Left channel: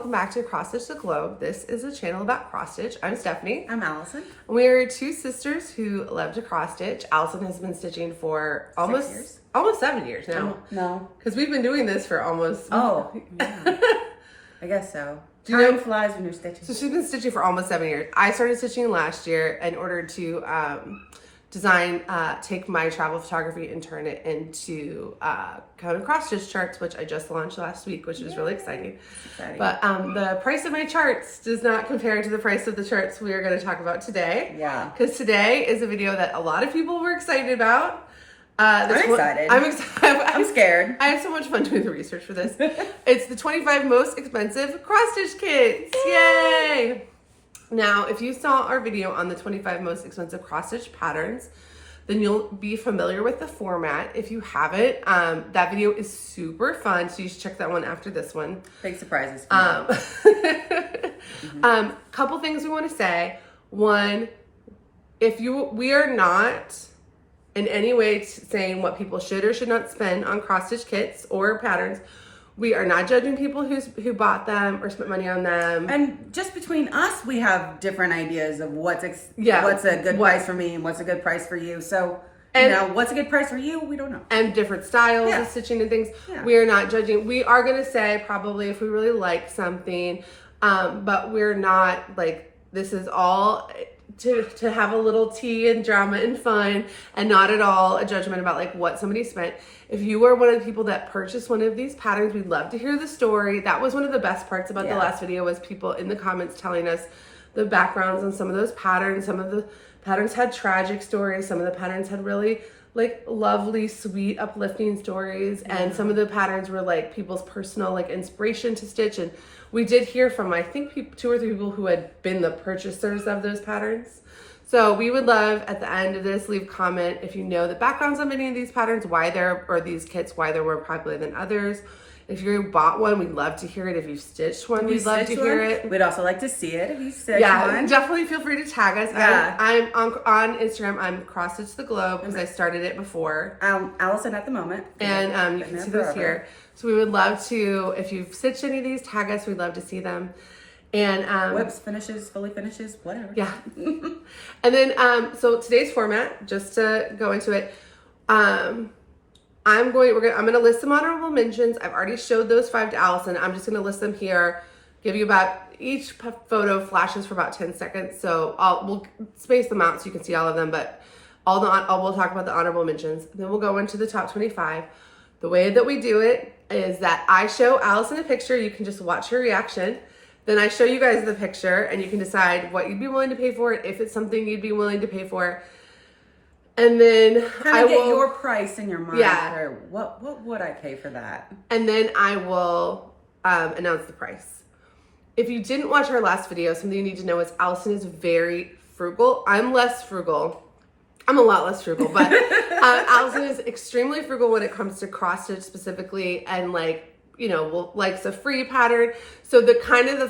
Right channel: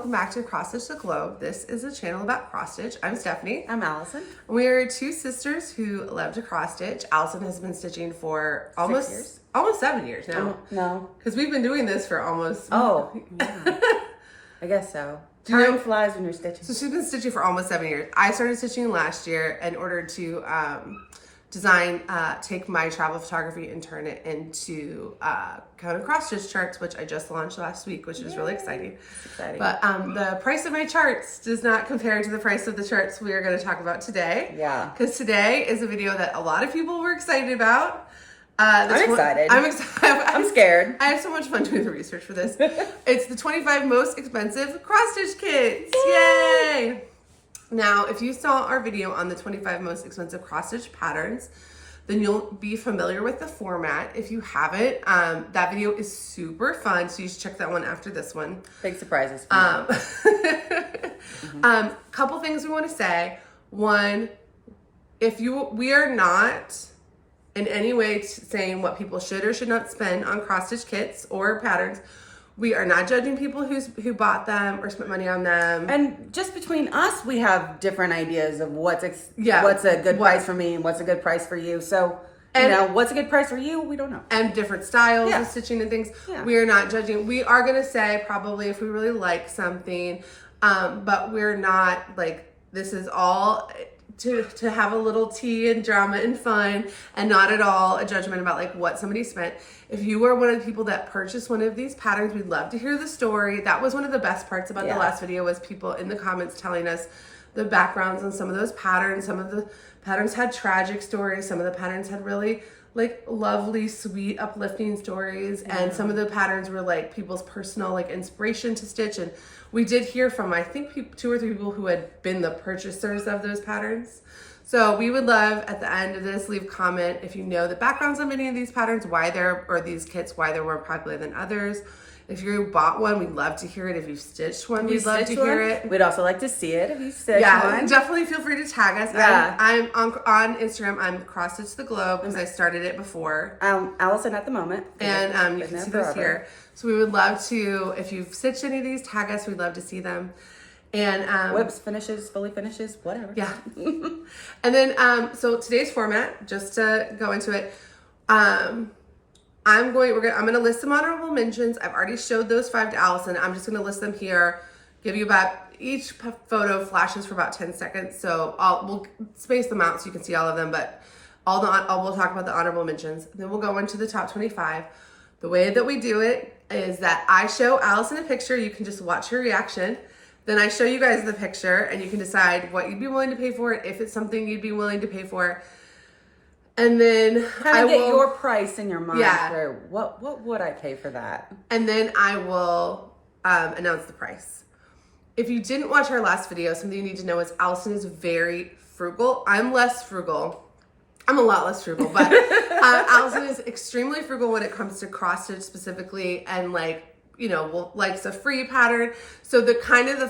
welcome back to Cross Stitch the Globe. This is a channel about cross stitch. I'm Stephanie. I'm Allison. We are two sisters who love to cross stitch. Allison has been stitching for almost 7 years now. No. Because we've been doing this for almost... Oh, yeah. I guess so. Time flies when you're stitching. So she's been stitching for almost 7 years. I started stitching last year in order to take my travel photography and turn it into kind of cross stitch charts, which I just launched last week, which is really exciting. But the price of my charts does not compare to the price of the charts we are going to talk about today. Yeah. Because today is a video that a lot of people were excited about. I'm excited. I'm excited. I'm scared. I have so much fun doing the research for this. It's the 25 most expensive cross stitch kits. Yay! Now, if you saw our video on the 25 most expensive cross stitch patterns, then you'll be familiar with the format. If you haven't, that video is super fun, so you should check that one after this one. Big surprises. Couple things we want to say. One, we are not in any way saying what people should or should not spend on cross stitch kits or patterns. We are not judging people who bought them or spent money on them. And just between us, we have different ideas of what's a good price for me and what's a good price for you. So, what's a good price for you, we don't know. And different styles of stitching and things. Yeah. We are not judging. We are going to say probably if we really like something, but we're not like, this is all to have a little tea and drama and fun, and not at all a judgment about like what somebody spent. If you are one of the people that purchased one of these patterns, we'd love to hear the story. That was one of the best parts about the last video, was people in the comments telling us the backgrounds on some of those patterns. Some of the patterns had tragic stories. Some of the patterns had really like lovely, sweet, uplifting stories. And some of the patterns were like people's personal like inspiration to stitch. And we did hear from, I think, 2 or 3 people who had been the purchasers of those patterns. So we would love at the end of this, leave a comment if you know the backgrounds on any of these patterns, these kits, why they're more popular than others. If you bought one, we'd love to hear it. If you've stitched one, we'd love to hear it. We'd also like to see it if you stitched one. Definitely feel free to tag us. Yeah. I'm on Instagram. I'm Cross Stitch the Globe because I started it before. Allison at the moment. And you can see those here. So we would love to, if you've stitched any of these, tag us. We'd love to see them. And whips, finishes, fully finishes, whatever. Yeah. And then so today's format, just to go into it, I'm gonna list some honorable mentions. I've already showed those 5 to Allison. I'm just gonna list them here, give you about each photo flashes for about 10 seconds. So we'll space them out so you can see all of them, but we'll talk about the honorable mentions. Then we'll go into the top 25. The way that we do it is that I show Allison a picture. You can just watch her reaction. Then I show you guys the picture and you can decide what you'd be willing to pay for it, if it's something you'd be willing to pay for. And then I will get your price in your mind. Yeah. What would I pay for that? And then I will announce the price. If you didn't watch our last video, something you need to know is Allison is very frugal. I'm less frugal. I'm a lot less frugal, but Allison is extremely frugal when it comes to cross stitch specifically, and likes a free pattern. So the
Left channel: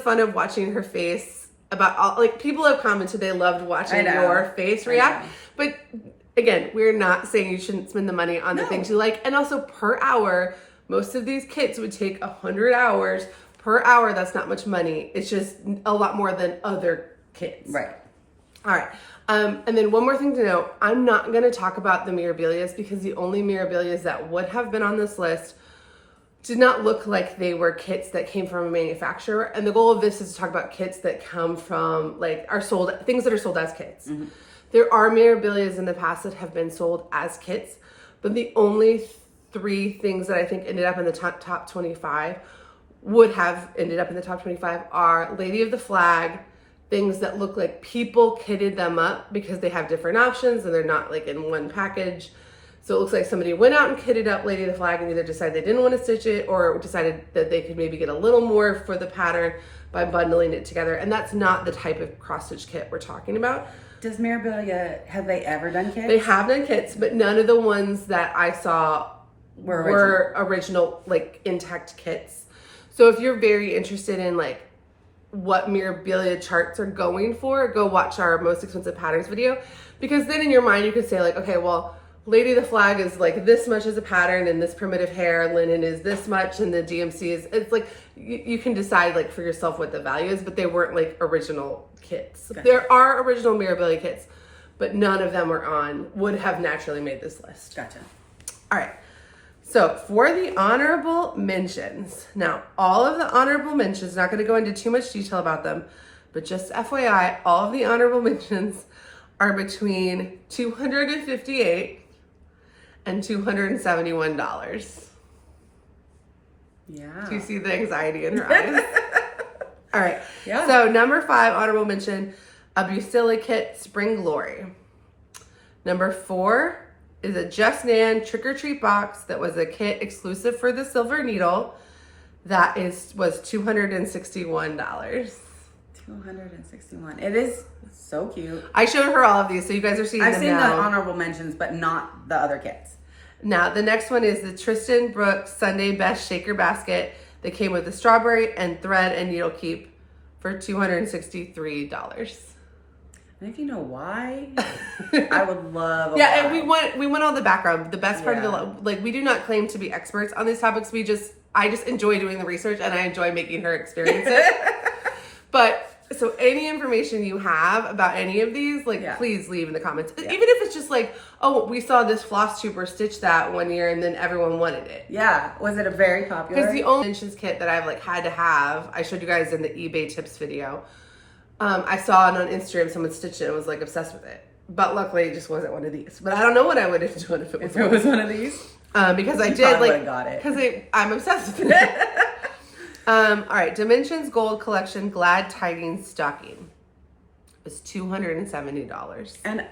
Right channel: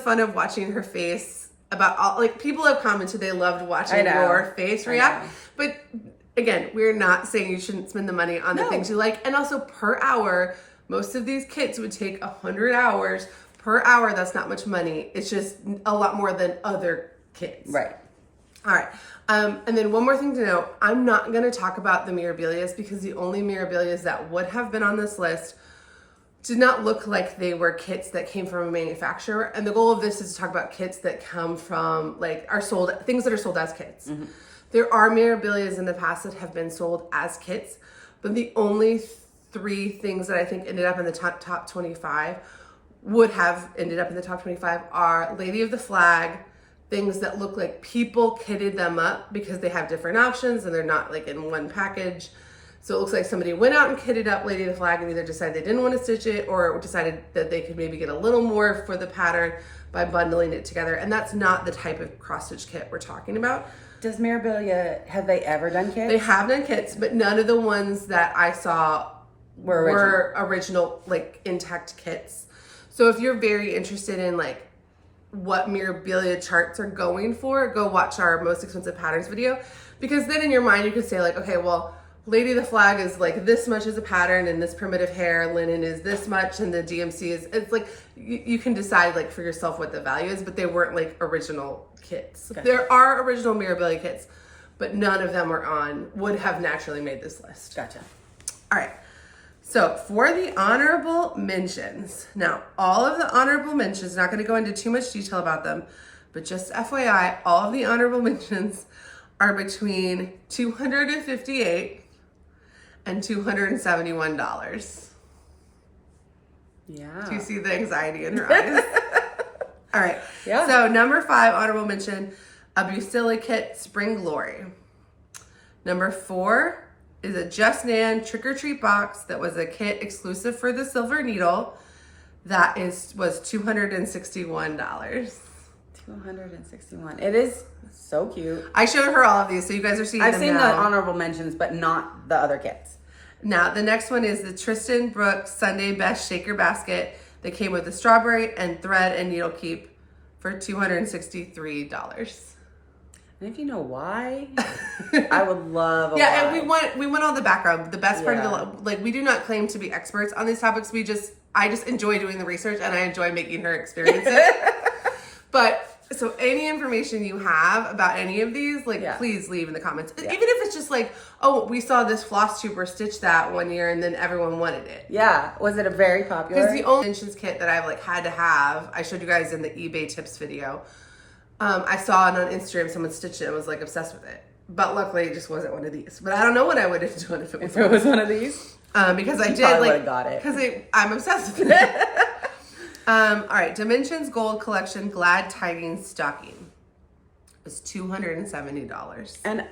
fun of watching her face about people have commented they loved watching your face react. But again, we're not saying you shouldn't spend the money on the things you like. And also per hour, most of these kits would take 100 hours. Per hour, that's not much money. It's just a lot more than other kits. Right. All right. And then one more thing to note, I'm not going to talk about the Mirabilias because the only Mirabilias that would have been on this list did not look like they were kits that came from a manufacturer. And the goal of this is to talk about kits that come from things that are sold as kits. Mm-hmm. There are Mirabilias in the past that have been sold as kits, but the only 3 things that I think ended up in the top 25 would have ended up in the top 25 are Lady of the Flag, things that look like people kitted them up because they have different options and they're not like in one package. So it looks like somebody went out and kitted up Lady of the Flag and either decided they didn't want to stitch it or decided that they could maybe get a little more for the pattern by bundling it together. And that's not the type of cross stitch kit we're talking about. Does Mirabilia, have they ever done kits? They have done kits, but none of the ones that I saw were original like intact kits. So if you're very interested in like what Mirabilia charts are going for, go watch our most expensive patterns video, because then in your mind you could say like, okay, well, Lady the Flag is like this much as a pattern, and this primitive hair linen is this much, and the DMC is, it's like, you can decide like for yourself what the value is, but they weren't like original kits. Gotcha. There are original Mirabilia kits, but none of them would have naturally made this list. Gotcha. All right. So for the honorable mentions, now all of the honorable mentions, not going to go into too much detail about them, but just FYI, all of the honorable mentions are between $258 and $271. Yeah. Do you see the anxiety in her eyes? All right. Yeah. So number 5, honorable mention, a Busilla Kit Spring Glory. Number 4 is a Just Nan Trick or Treat box that was a kit exclusive for the Silver Needle. That was $261. 261. It is so cute. I showed her all of these, so you guys are seeing them now. I've seen the honorable mentions, but not the other kits. Now, the next one is the Tristan Brooks Sunday Best Shaker Basket that came with the strawberry and thread and needle keep for $263. And if you know why, I would love. Yeah, and we went on the background. The best part of the, like, we do not claim to be experts on these topics. I just enjoy doing the research, and I enjoy making her experience it. But so any information you have about any of these, like, please leave in the comments. Yeah. Even if it's just like, oh, we saw this Flosstuber stitch that one year, and then everyone wanted it. Yeah, was it a very popular? Because the only mentions kit that I've like had to have, I showed you guys in the eBay tips video. I saw it on Instagram, someone stitched it and was like obsessed with it. But luckily it just wasn't one of these. But I don't know what I would have done if it was one of these. Because I did like, got it. Because I'm obsessed with it. All right, Dimensions Gold Collection Glad Tidings Stocking is $270. And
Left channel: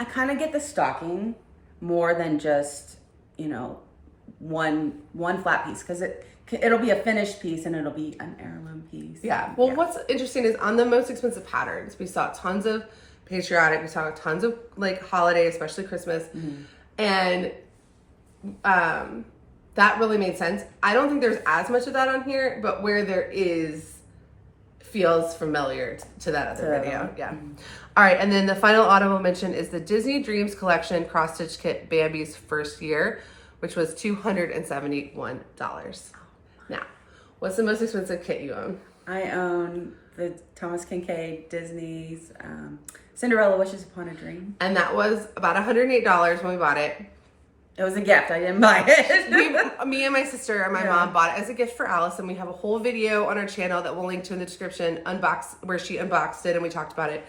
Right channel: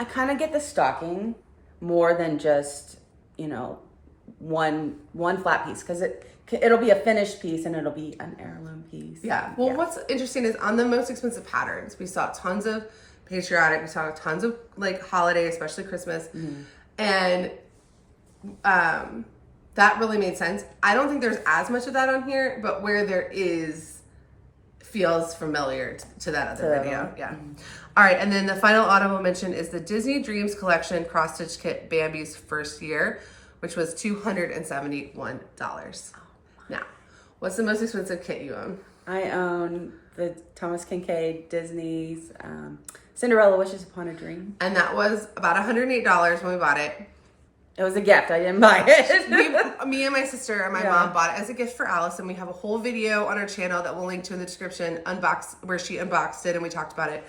I kind of get the stocking more than just, one flat piece, because it'll be a finished piece and it'll be an heirloom piece. Yeah. Well, what's interesting is on the most expensive patterns, we saw tons of patriotic, we saw tons of like holiday, especially Christmas. Mm-hmm. And that really made sense. I don't think there's as much of that on here, but where there is, feels familiar to that other video. Yeah. Mm-hmm. All right. And then the final audible mention is the Disney Dreams Collection Cross Stitch Kit Bambi's First Year, which was $271. Now, what's the most expensive kit you own? I own the Thomas Kinkade Disney's Cinderella Wishes Upon a Dream. And that was about $108 when we bought it. It was a gift. I didn't buy it. Me and my sister and my mom bought it as a gift for Allison. We have a whole video on our channel that we'll link to in the description, where she unboxed it and we talked about it.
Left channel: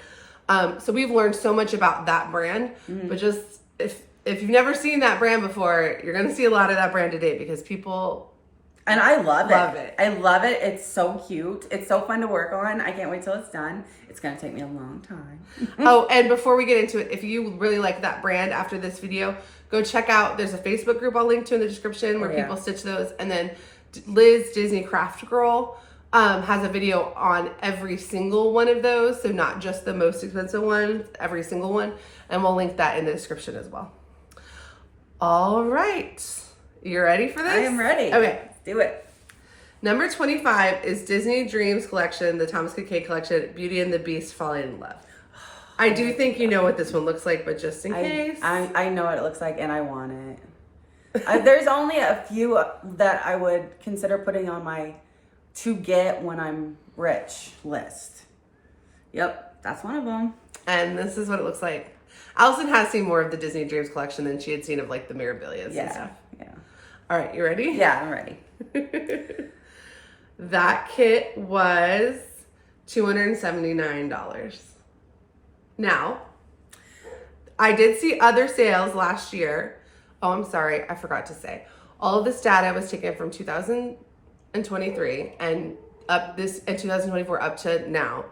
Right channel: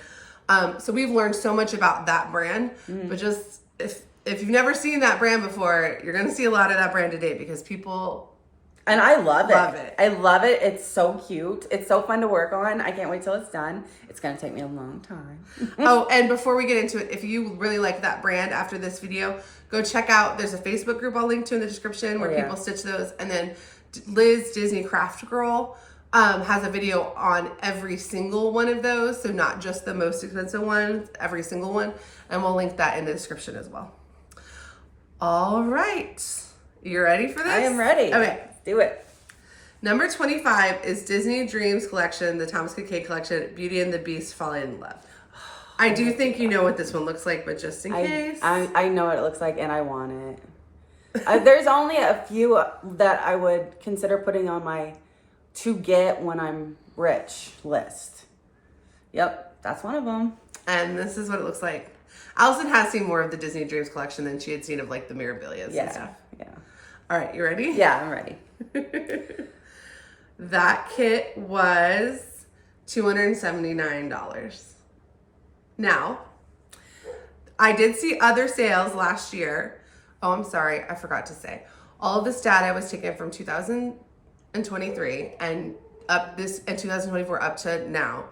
So we've learned so much about that brand, but just if you've never seen that brand before, you're going to see a lot of that brand today because people... And I love it. I love it. It's so cute. It's so fun to work on. I can't wait till it's done. It's going to take me a long time. Oh, and before we get into it, if you really like that brand after this video, go check out, there's a Facebook group I'll link to in the description where people stitch those. And then Liz, Disney Craft Girl, has a video on every single one of those. So not just the most expensive ones, every single one. And we'll link that in the description as well. All right. You ready for this? I am ready. Okay. Do it. Number 25 is Disney Dreams Collection, the Thomas Kinkade Collection, Beauty and the Beast Falling in Love. I do think you know what this one looks like, but just in case. I know what it looks like and I want it. There's only a few that I would consider putting on my to get when I'm rich list. Yep, that's one of them. And this is what it looks like. Allison has seen more of the Disney Dreams Collection than she had seen of like the Mirabilias and stuff. Yeah. All right, you ready? Yeah, I'm ready. That kit was $279. Now, I did see other sales last year. Oh, I'm sorry, I forgot to say. All of this data was taken from 2023 and up this in 2024 up to now.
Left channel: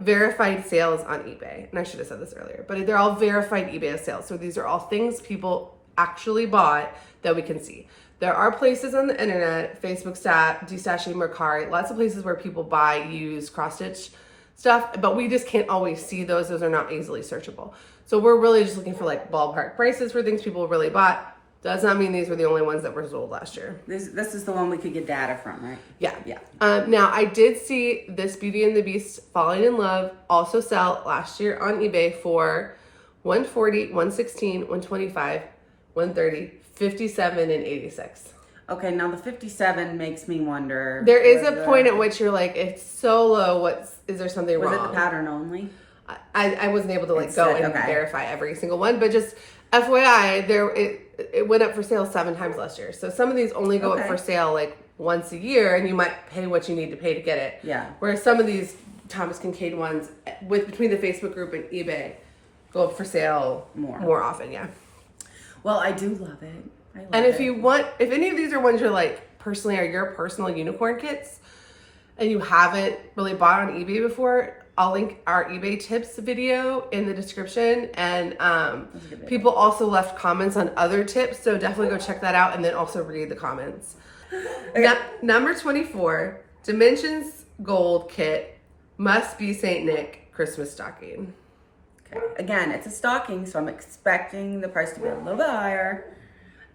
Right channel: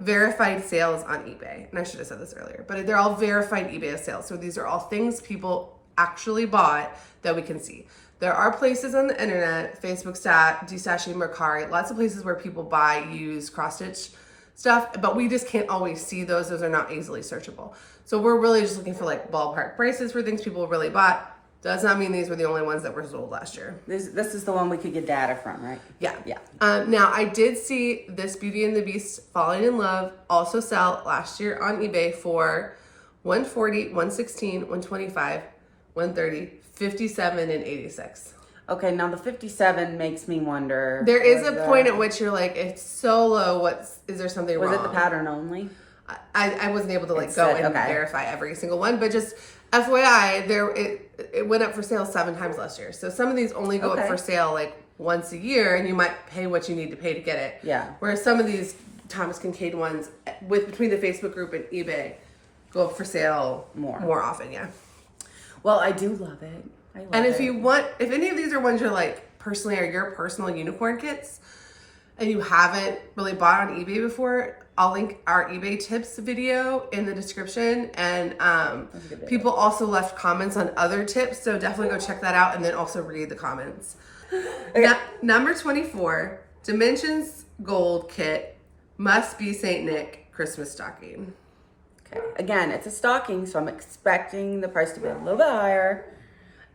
Verified sales on eBay. And I should have said this earlier, but they're all verified eBay sales. So these are all things people actually bought that we can see. There are places on the internet, Facebook Stat, Destashing, Mercari, lots of places where people buy used cross-stitch stuff, but we just can't always see those. Those are not easily searchable. So we're really just looking for like ballpark prices for things people really bought. Does not mean these were the only ones that were sold last year. This is the one we could get data from, right? Yeah. Now, I did see this Beauty and the Beast Falling in Love also sell last year on eBay for 140, 116, 125, 130, 57, and 86. Okay, now the 57 makes me wonder. There is a point at which you're like, it's so low. Is there something wrong? Was it the pattern only? I wasn't able to go and verify every single one, but just FYI, it went up for sale 7 times last year. So some of these only go up for sale like once a year, and you might pay what you need to pay to get it. Yeah. Whereas some of these Thomas Kinkade ones, between the Facebook group and eBay, go up for sale more often. Yeah. Well, I do love it. And if you want, if any of these are ones you're like personally are your personal unicorn kits, and you haven't really bought on eBay before, I'll link our eBay tips video in the description. And people also left comments on other tips, so definitely go check that out and then also read the comments. Number 24, Dimensions Gold Kit, must be St. Nick Christmas stocking. Okay. Again, it's a stocking, so I'm expecting the price to be a little bit higher.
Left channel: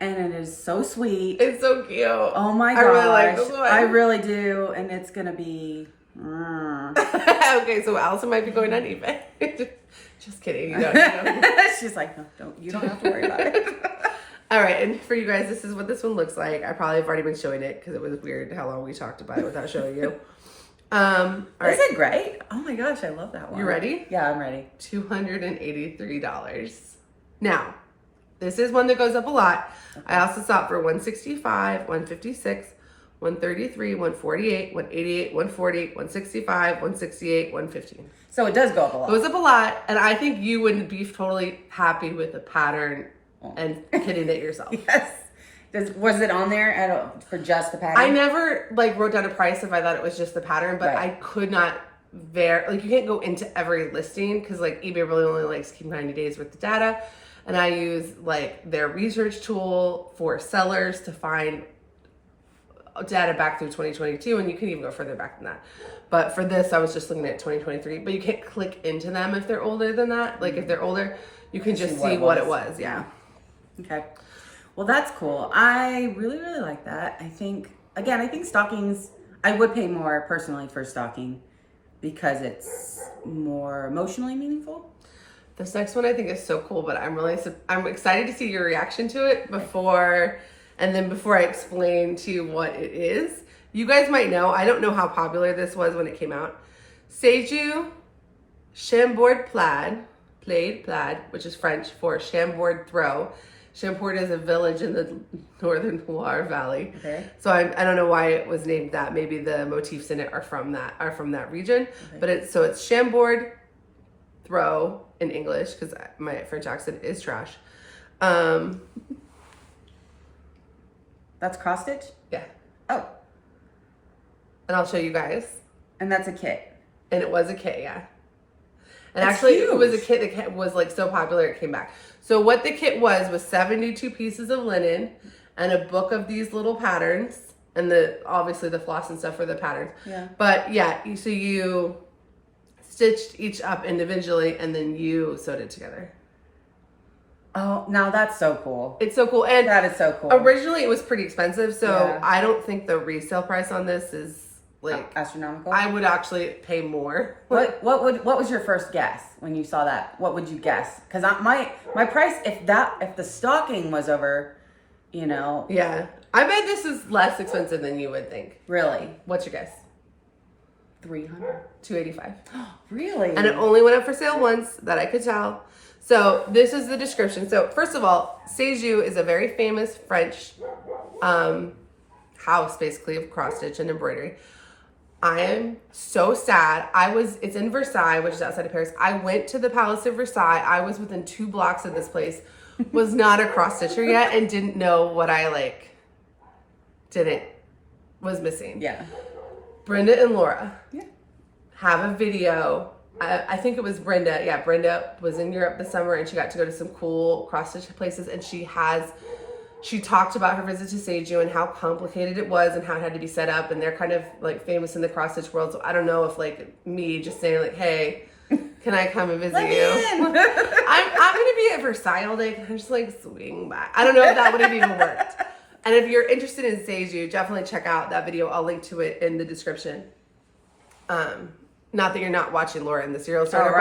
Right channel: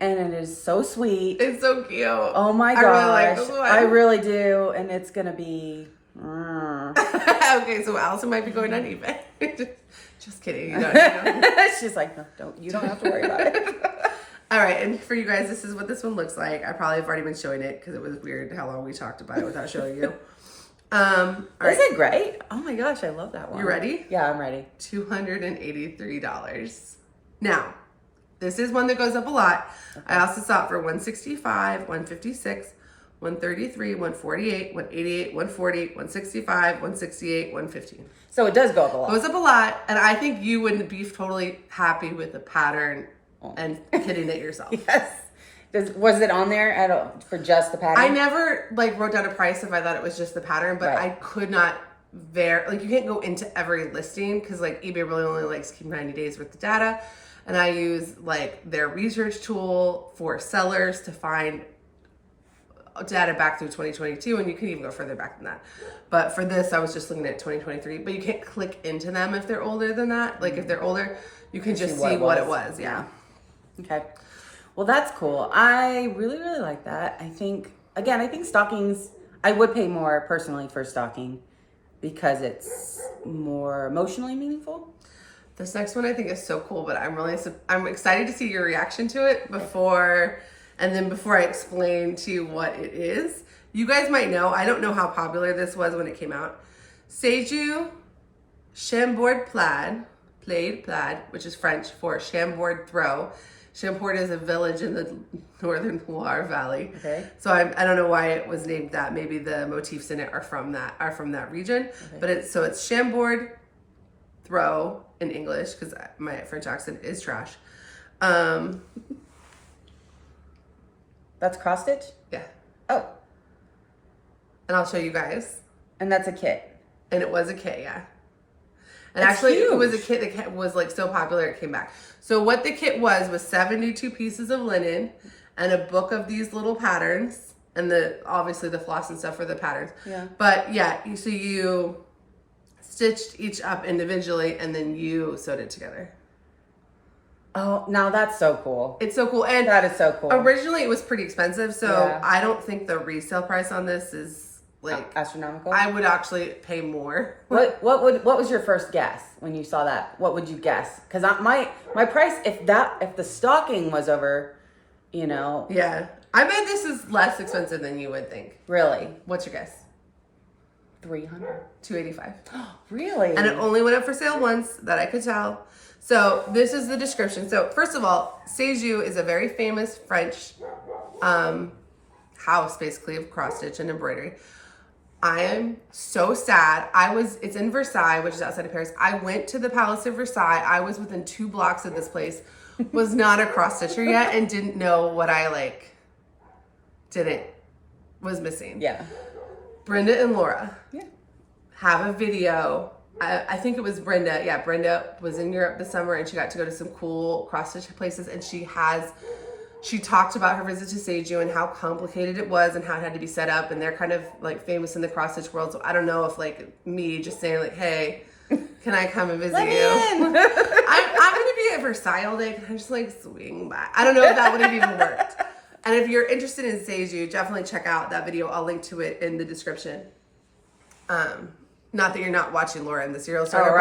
And it is so sweet. It's so cute. Oh my gosh. I really like this one. I really do. And it's going to be... Okay, so Allison might be going on eBay. Just kidding. You don't. She's like, no, you don't have to worry about it. All right, and for you guys, this is what this one looks like. I probably have already been showing it because it was weird how long we talked about it without showing you. All right. Is it great? Oh my gosh, I love that one. You ready? Yeah, I'm ready. $283. Now, this is one that goes up a lot. Okay. I also saw it for 165, 156, 133, 148, 188, 140, 165, 168, 115. So it does go up a lot. It goes up a lot, and I think you would be totally happy with the pattern and kitting it yourself. Yes. Was it on there for just the pattern? I never wrote down a price if I thought it was just the pattern, but I could not you can't go into every listing because eBay really only likes to keep 90 days worth of data. And I use their research tool for sellers to find data back through 2022, and you can even go further back than that. But for this, I was just looking at 2023. But you can't click into them if they're older than that. If they're older, you can just see what it was. Yeah. Okay. Well, that's cool. I really, really like that. I think stockings, I would pay more personally for stocking because it's more emotionally meaningful. This next one I think is so cool, but I'm excited to see your reaction to it before I explain to you what it is. You guys might know, I don't know how popular this was when it came out. Seju Chambord plaid, which is French for Chambord throw. Chambord is a village in the northern Loire Valley. Okay. So I don't know why it was named that. Maybe the motifs in it are from that region. Okay. But it's Chambord throw in English because my French accent is trash. That's cross stitch? Yeah. Oh. And I'll show you guys. And that's a kit. And it was a kit, yeah. And that's actually, huge. it was a kit that was so popular it came back. So what the kit was 72 pieces of linen and a book of these little patterns, and obviously the floss and stuff for the patterns. Yeah. But yeah, so you stitched each up individually and then you sewed it together. Oh, now that's so cool. It's so cool. And that is so cool. Originally it was pretty expensive, so I don't think the resale price on this is astronomical. I would actually pay more. What was your first guess when you saw that? What would you guess? Because my price, if the stocking was over, Yeah. I bet this is less expensive than you would think. Really? What's your guess? 300. 285. Really? And it only went up for sale once, that I could tell. So this is the description. So first of all, Seju is a very famous French house, basically, of cross stitch and embroidery. I am so sad. It's in Versailles, which is outside of Paris. I went to the Palace of Versailles. I was within 2 blocks of this place, was not a cross stitcher yet, and didn't know what I was missing. Yeah. Brenda and Laura have a video. I think it was Brenda. Yeah, Brenda was in Europe this summer and she got to go to some cool cross stitch places, and she talked about her visit to Seju and how complicated it was and how it had to be set up, and they're kind of famous in the cross stitch world. So I don't know if me just saying hey, can I come and visit you? I'm gonna be at Versailles all day. Can I just swing by? I don't know if that would have even worked. And if you're interested in Seju, definitely check out that video. I'll link to it in the description. Not that you're not watching Laura in the Serial Starter,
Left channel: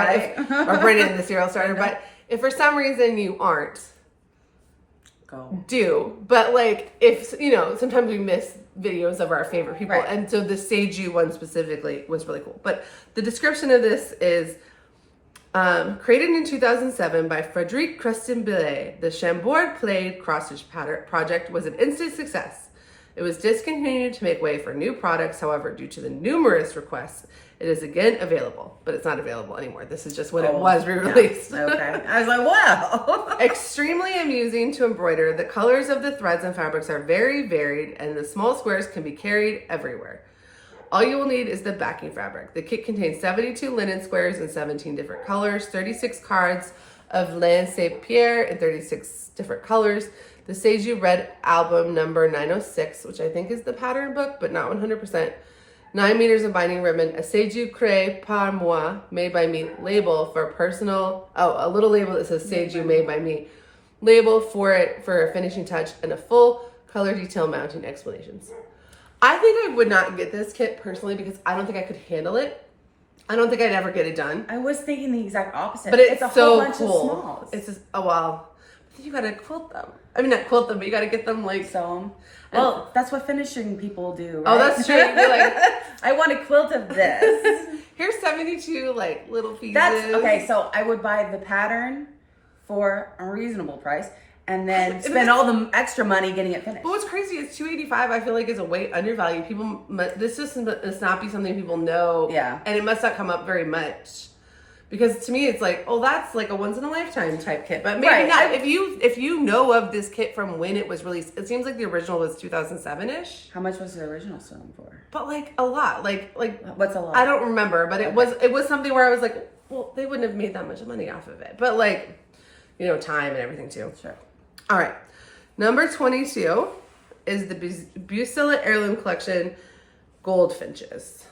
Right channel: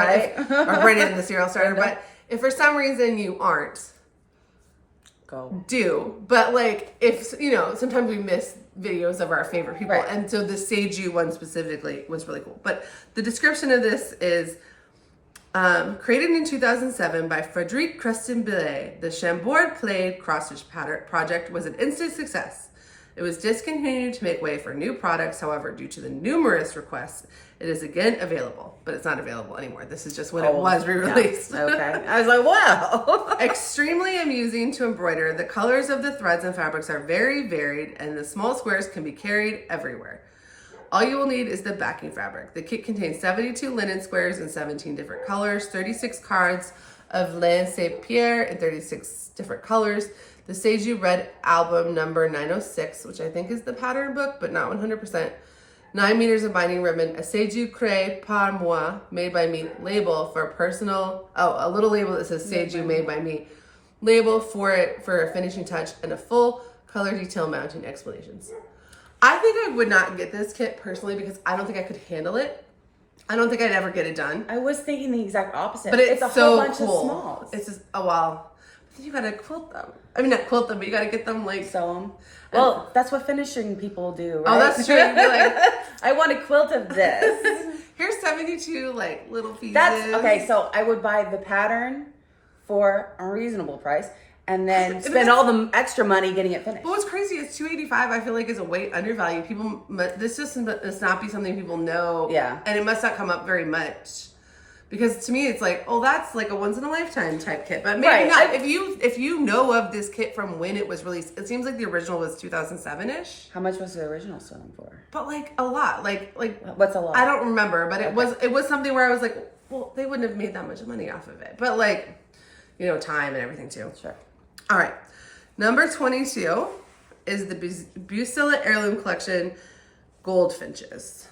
or Brenda in the Serial Starter, but If for some reason you aren't, Go. do. But like, if, you know, sometimes we miss videos of our favorite people. Right. And so the Seiju one specifically was really cool. But the description of this is created in 2007 by Frédéric Creston-Billet, the Chambord Plaid cross-stitch project was an instant success. It was discontinued to make way for new products. However, due to the numerous requests, it is again available, but it's not available anymore. This is just when it was re-released. Yeah. Okay. I was like, wow. Extremely amusing to embroider. The colors of the threads and fabrics are very varied, and the small squares can be carried everywhere. All you will need is the backing fabric. The kit contains 72 linen squares in 17 different colors, 36 cards of laine Saint-Pierre in 36 different colors, the Seiju Red album number 906, which I think is the pattern book, but not 100%, 9 meters of binding ribbon, a Seiju Créé par moi, made by me label for a personal, a little label that says Seiju made by me, label for it for a finishing touch, and a full color detail mounting explanations. I think I would not get this kit personally because I don't think I could handle it. I don't think I'd ever get it done. I was thinking the exact opposite. But it's a so whole bunch cool. of smalls. It's just, oh wow. But then you gotta quilt them. I mean, not quilt them, but you gotta get them like... Sew 'em. Well, that's what finishing people do, right? Oh, that's true. You're like, I want a quilt of this. here's 72 like little pieces. That's, okay, so I would buy the pattern for a reasonable price and then spend all the extra money getting it finished. But what's crazy is $285. I feel like is a way undervalued. People, this just must not be something people know. Yeah. And it must not come up very much, because to me it's like, oh, that's like a once in a lifetime type kit. But maybe not. If you know of this kit from when it was released, it seems like the original was 2007-ish. How much was the original selling for? But like a lot. Like what's a lot? I don't remember, but it was something where I was like, well, they wouldn't have made that much money off of it. But like, you know, time and everything too. Sure. All right, number 22 is the Bucilla Heirloom Collection Goldfinches.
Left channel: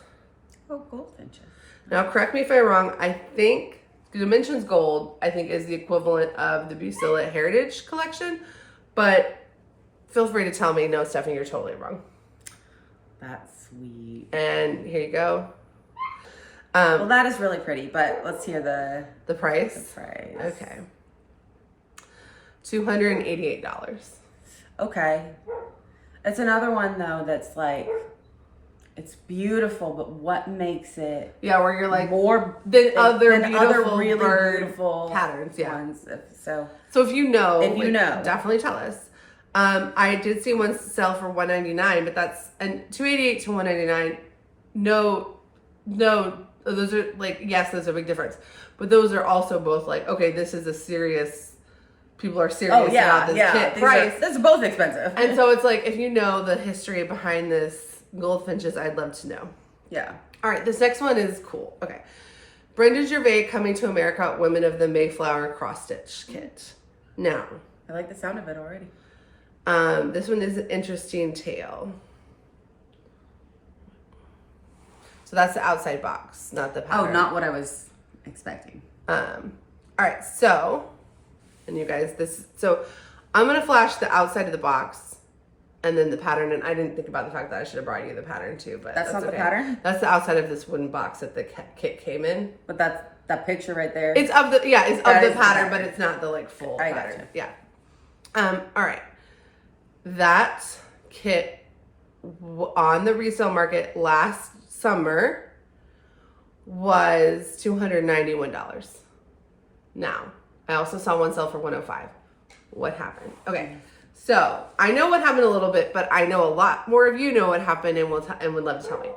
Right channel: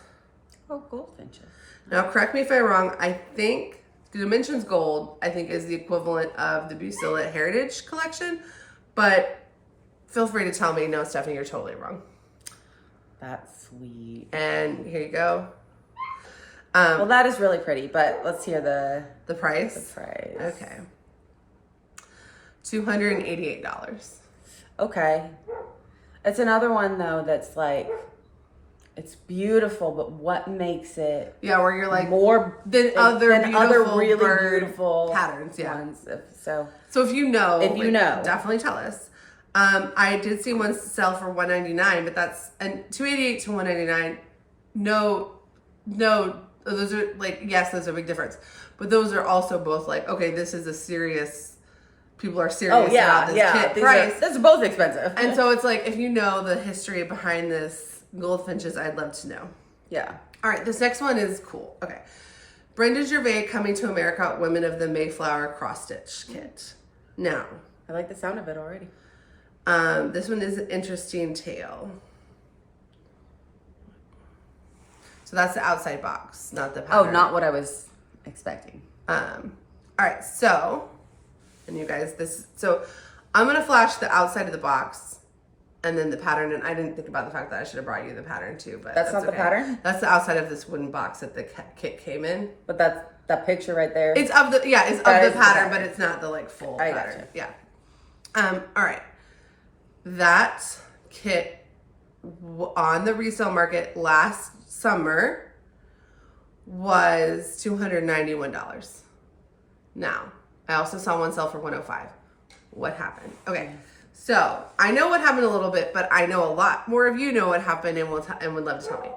Oh, goldfinches. Now, correct me if I'm wrong. I think the Dimensions Gold, I think, is the equivalent of the Bucilla Heritage Collection, but feel free to tell me, no, Stephanie, you're totally wrong. That's sweet. And here you go. Well, that is really pretty, but let's hear the price. the price. Okay. $288. Okay. It's another one though that's like, it's beautiful, but what makes it Yeah, where you're like more than other really bird beautiful patterns. Yeah. ones. So if you know, definitely tell us. I did see one sell for $199, but that's and $288 to $199. No, those are like, yes, there's a big difference, but those are also both like, okay, this is a serious. People are serious about this kit price. That's both expensive. And so it's like, if you know the history behind this goldfinches, I'd love to know. Yeah. All right, this next one is cool. Okay. Brenda Gervais coming to America, Women of the Mayflower cross stitch kit. Now, I like the sound of it already. this one is an interesting tale. So that's the outside box, not the pattern. Oh, not what I was expecting. All right, so, and you guys, so I'm gonna flash the outside of the box and then the pattern, and I didn't think about the fact that I should have brought you the pattern too, but that's not okay. the pattern? That's the outside of this wooden box that the kit came in. But that picture right there. It's of the, yeah, it's of the pattern, but it's not the like full I pattern. gotcha. Yeah. All right. That kit on the resale market last summer was $291. Now, I also saw one sell for $105. What happened? Okay, so I know what happened a little bit, but I know a lot more of you know what happened and would love to tell me.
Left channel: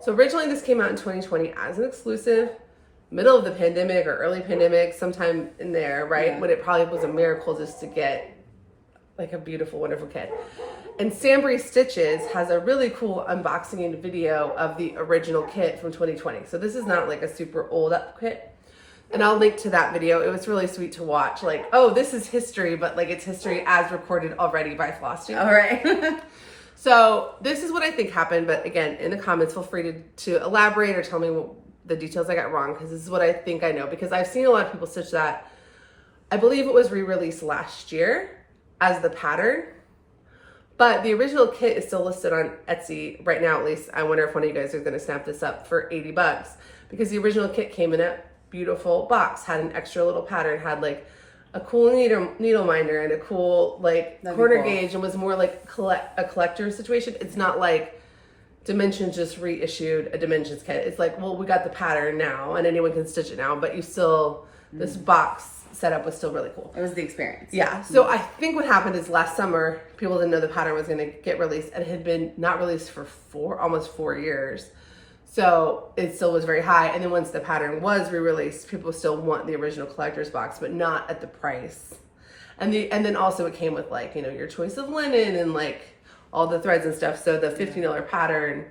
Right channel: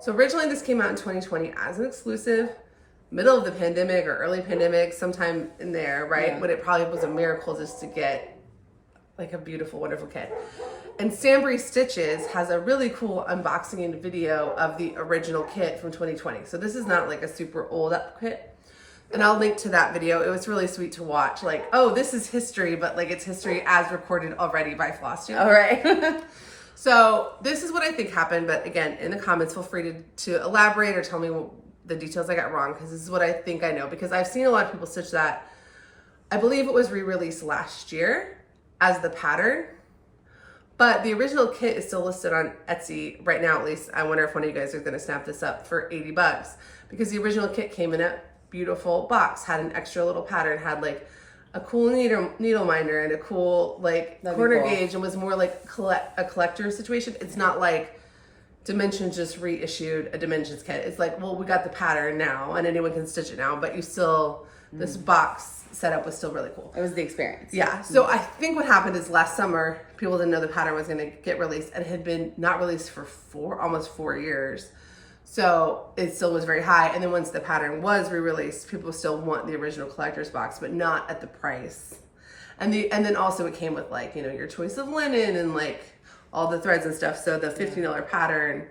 So originally this came out in 2020 as an exclusive, middle of the pandemic or early pandemic, sometime in there, right? Yeah. When it probably was a miracle just to get like a beautiful, wonderful kit. And Sambry Stitches has a really cool unboxing and video of the original kit from 2020. So this is not like a super old up kit. And I'll link to that video. It was really sweet to watch. Like, oh, this is history, but like it's history as recorded already by Flosstube. All right. So this is what I think happened. But again, in the comments, feel free to elaborate or tell me the details I got wrong, because this is what I think I know. Because I've seen a lot of people stitch that. I believe it was re-released last year as the pattern. But the original kit is still listed on Etsy right now, at least. I wonder if one of you guys are going to snap this up for $80, because the original kit came in at beautiful box, had an extra little pattern, had like a cool needle minder and a cool like corner gauge, and was more like a collector situation. It's not like Dimensions just reissued a Dimensions kit. It's like, well, we got the pattern now and anyone can stitch it now, but you still, this box setup was still really cool. It was the experience. Yeah. So I think what happened is last summer, people didn't know the pattern was going to get released, and it had been not released for almost 4 years. So it still was very high. And then once the pattern was re-released, people still want the original collector's box, but not at the price. And then also it came with like, you know, your choice of linen and like all the threads and stuff. So the $15 pattern,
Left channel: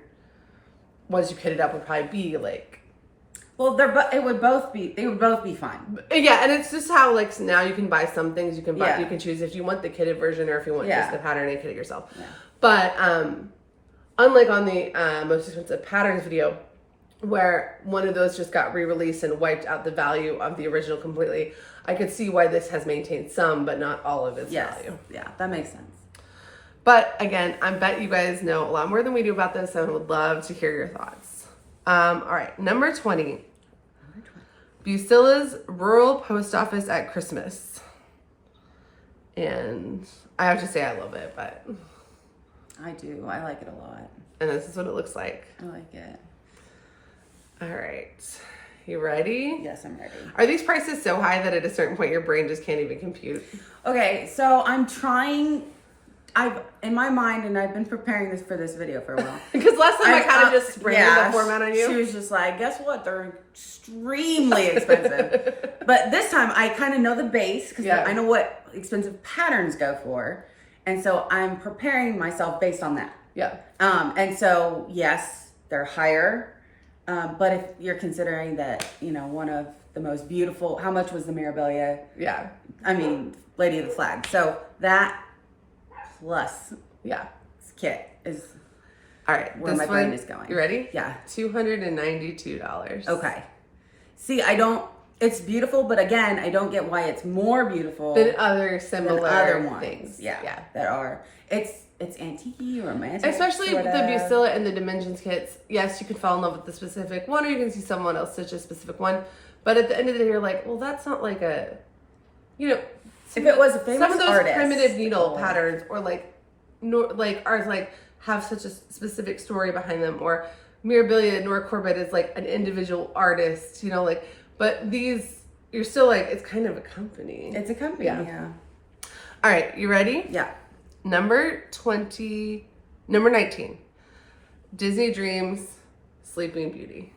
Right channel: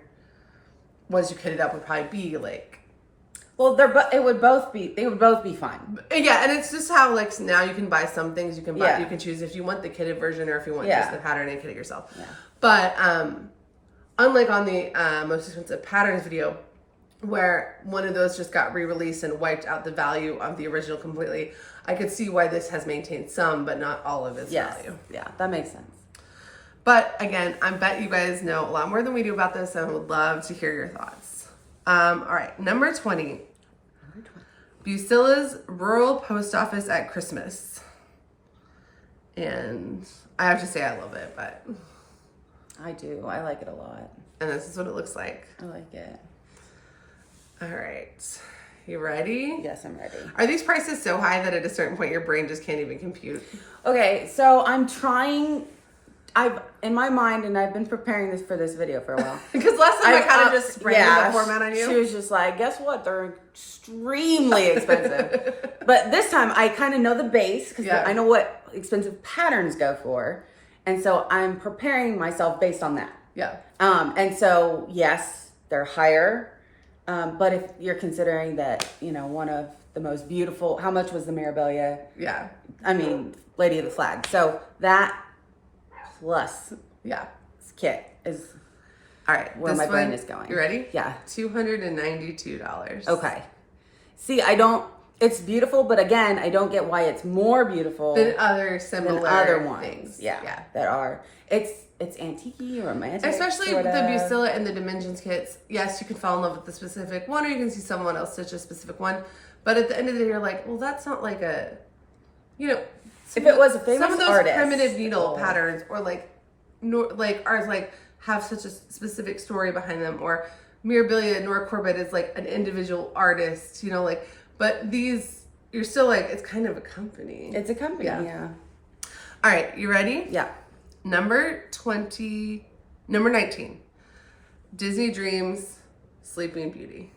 once you kit it up, would probably be like, well, they would both be fun. Yeah, and it's just how like now you can buy some things, you can buy, you can choose if you want the kitted version or if you want just the pattern and kit it yourself. Yeah. But unlike on the most expensive patterns video, where one of those just got re-released and wiped out the value of the original completely, I could see why this has maintained some, but not all of its value. Yeah, that makes sense. But again, I bet you guys know a lot more than we do about this, and I would love to hear your thoughts. All right, number 20. Bucilla's Rural Post Office at Christmas. And I have to say I love it, but... I do. I like it a lot. And this is what it looks like. I like it. All right. You ready? Yes, I'm ready. Are these prices so high that at a certain point your brain just can't even compute? Okay, so I'm trying... in my mind, and I've been preparing this for this video for a while. Because last time I kind of just sprayed the format on you. She was just like, guess what? They're extremely expensive. But this time I kind of know the base because I know what expensive patterns go for. And so I'm preparing myself based on that. Yeah. And so, yes, they're higher. But if you're considering that, you know, one of the most beautiful, how much was the Mirabilia? Yeah. I mean, Lady of the Flag. So that plus kit is all right. Where my brain is going. You ready? Yeah. $292. Okay. See, it's beautiful, but again, I don't get why it's more beautiful than other similar ones. Things. Yeah. That are, it's antique-y, romantic. Especially with the Bucilla and the Dimensions kits. Yes, you can fall in love with the specific one, or you can see someone else stitch a specific one. But at the end of the day, you're like, well, that's not like a, you know, if it was a famous some of those artist, primitive needle patterns, or like ours, like have such a specific story behind them, or Mirabilia, Nora Corbett is like an individual artist, you know, like. But these, you're still like, it's kind of a company. It's a company, yeah. All right, you ready? Yeah. Number 19. Disney Dreams, Sleeping Beauty.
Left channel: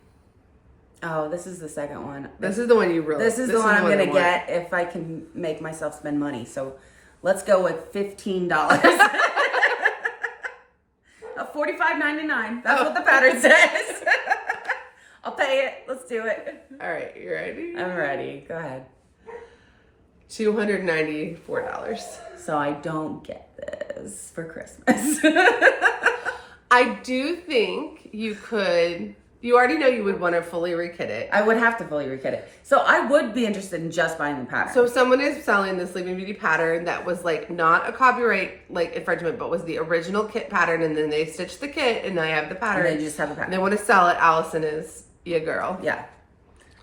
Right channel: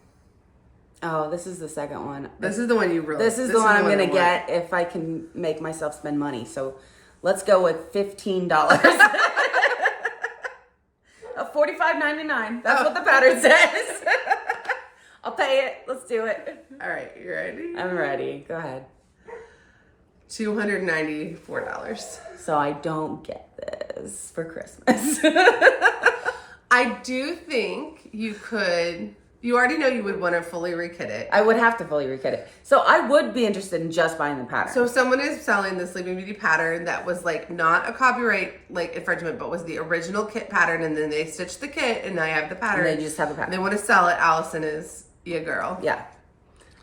Oh, this is the second one. This is the one you really. This is the one I'm going to get if I can make myself spend money. So let's go with $15. $45.99. That's what the pattern says. I'll pay it. Let's do it. All right, you ready? I'm ready. Go ahead. $294. So I don't get this for Christmas. I do think you could. You already know you would want to fully rekit it. I would have to fully rekit it. So I would be interested in just buying the pattern. So if someone is selling the Sleeping Beauty pattern that was like not a copyright like infringement, but was the original kit pattern, and then they stitched the kit and they have the pattern. And they just have the pattern. And they want to sell it. Allison is your girl. Yeah.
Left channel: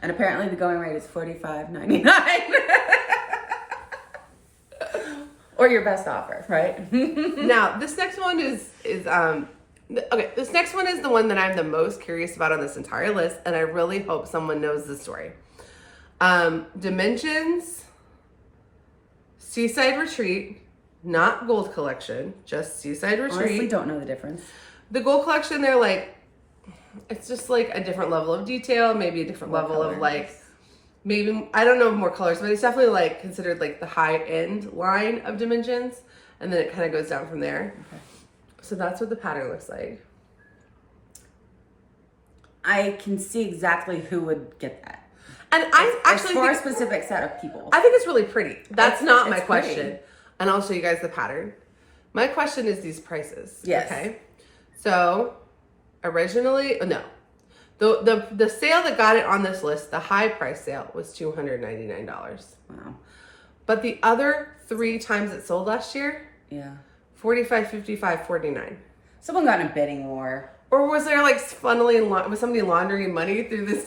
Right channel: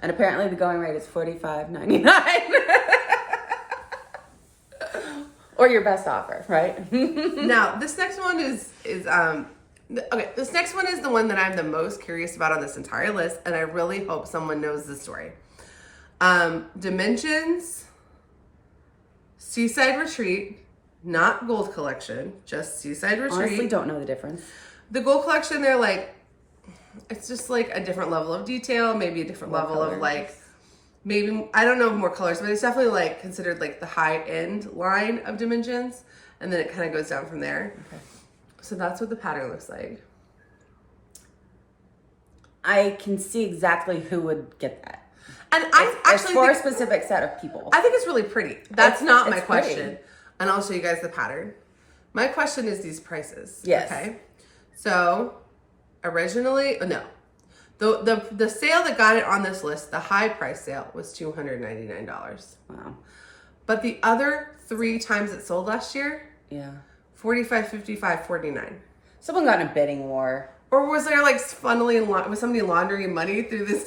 And apparently the going rate is $45.99. Or your best offer, right? Now, this next one is okay, this next one is the one that I'm the most curious about on this entire list, and I really hope someone knows the story. Dimensions, Seaside Retreat, not Gold Collection, just Seaside Retreat. Honestly, don't know the difference. The Gold Collection, they're like, it's just like a different level of detail, maybe a different level of like, maybe, I don't know more colors, but it's definitely like considered like the high end line of Dimensions, and then it kind of goes down from there. Okay. So that's what the pattern looks like. I can see exactly who would get that. And I actually for a specific set of people. I think it's really pretty. That's not my question. Pretty. And I'll show you guys the pattern. My question is these prices. Yes. Okay. So originally, the sale that got it on this list, the high price sale, was $299. Wow. But the other 3 times it sold last year, $45, $55, $49. Someone got in a bidding war. Or was there like was somebody laundering money through this?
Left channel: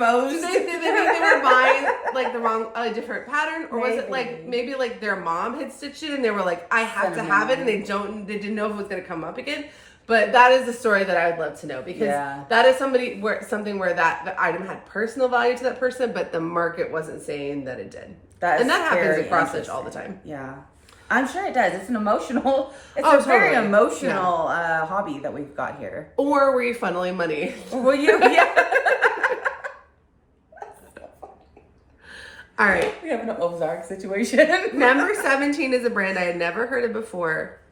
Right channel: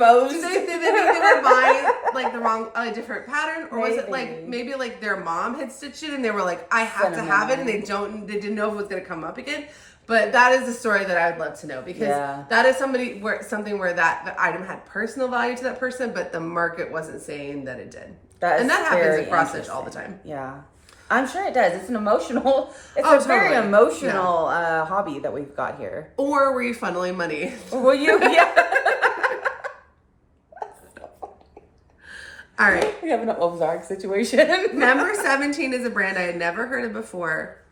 exposed. They were buying like the wrong, different pattern, or was it like maybe like their mom had stitched it and they were like, I have to have it, and they didn't know if it was going to come up again. But that is a story that I would love to know, because that is something where that item had personal value to that person, but the market wasn't saying that it did. And that happens in cross stitch all the time. Yeah. I'm sure it does. It's an emotional, very emotional hobby that we've got here. Or were you funneling money? Or were you? Yeah. All right. We have an Ozark situation. Number 17 is a brand I had never heard of before.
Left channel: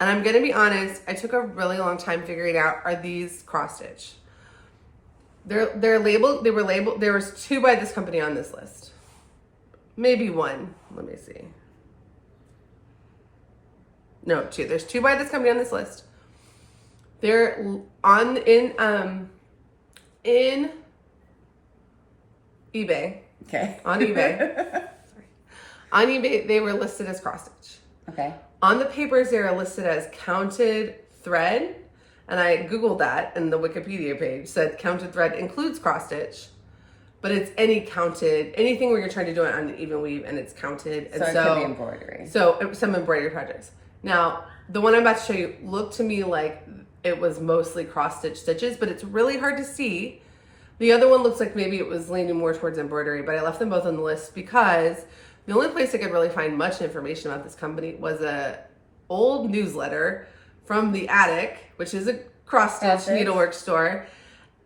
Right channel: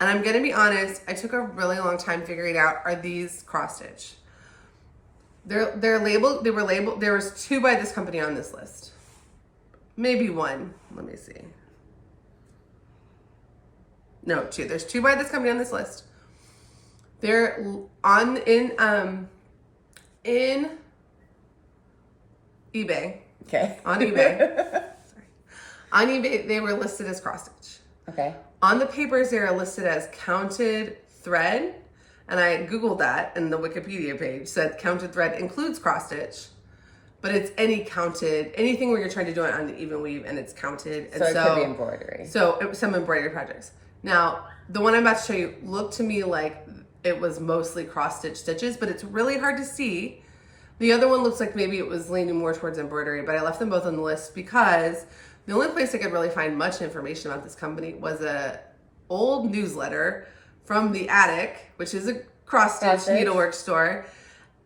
And I'm going to be honest, I took a really long time figuring out, are these cross stitch? They're labeled, there was 2 by this company on this list. Maybe 1. Let me see. No, 2. There's 2 by this company on this list. They're in eBay. Okay. On eBay. Sorry. On eBay, they were listed as cross stitch. Okay. On the papers, they are listed as counted thread. And I Googled that, and the Wikipedia page said counted thread includes cross stitch, but it's anything where you're trying to do it on an even weave and it's counted. And so it could be embroidery. So some embroidery projects. Now, the one I'm about to show you looked to me like it was mostly cross stitch stitches, but it's really hard to see. The other one looks like maybe it was leaning more towards embroidery, but I left them both on the list because the only place I could really find much information about this company was a old newsletter from the Attic, which is a cross stitch needlework store,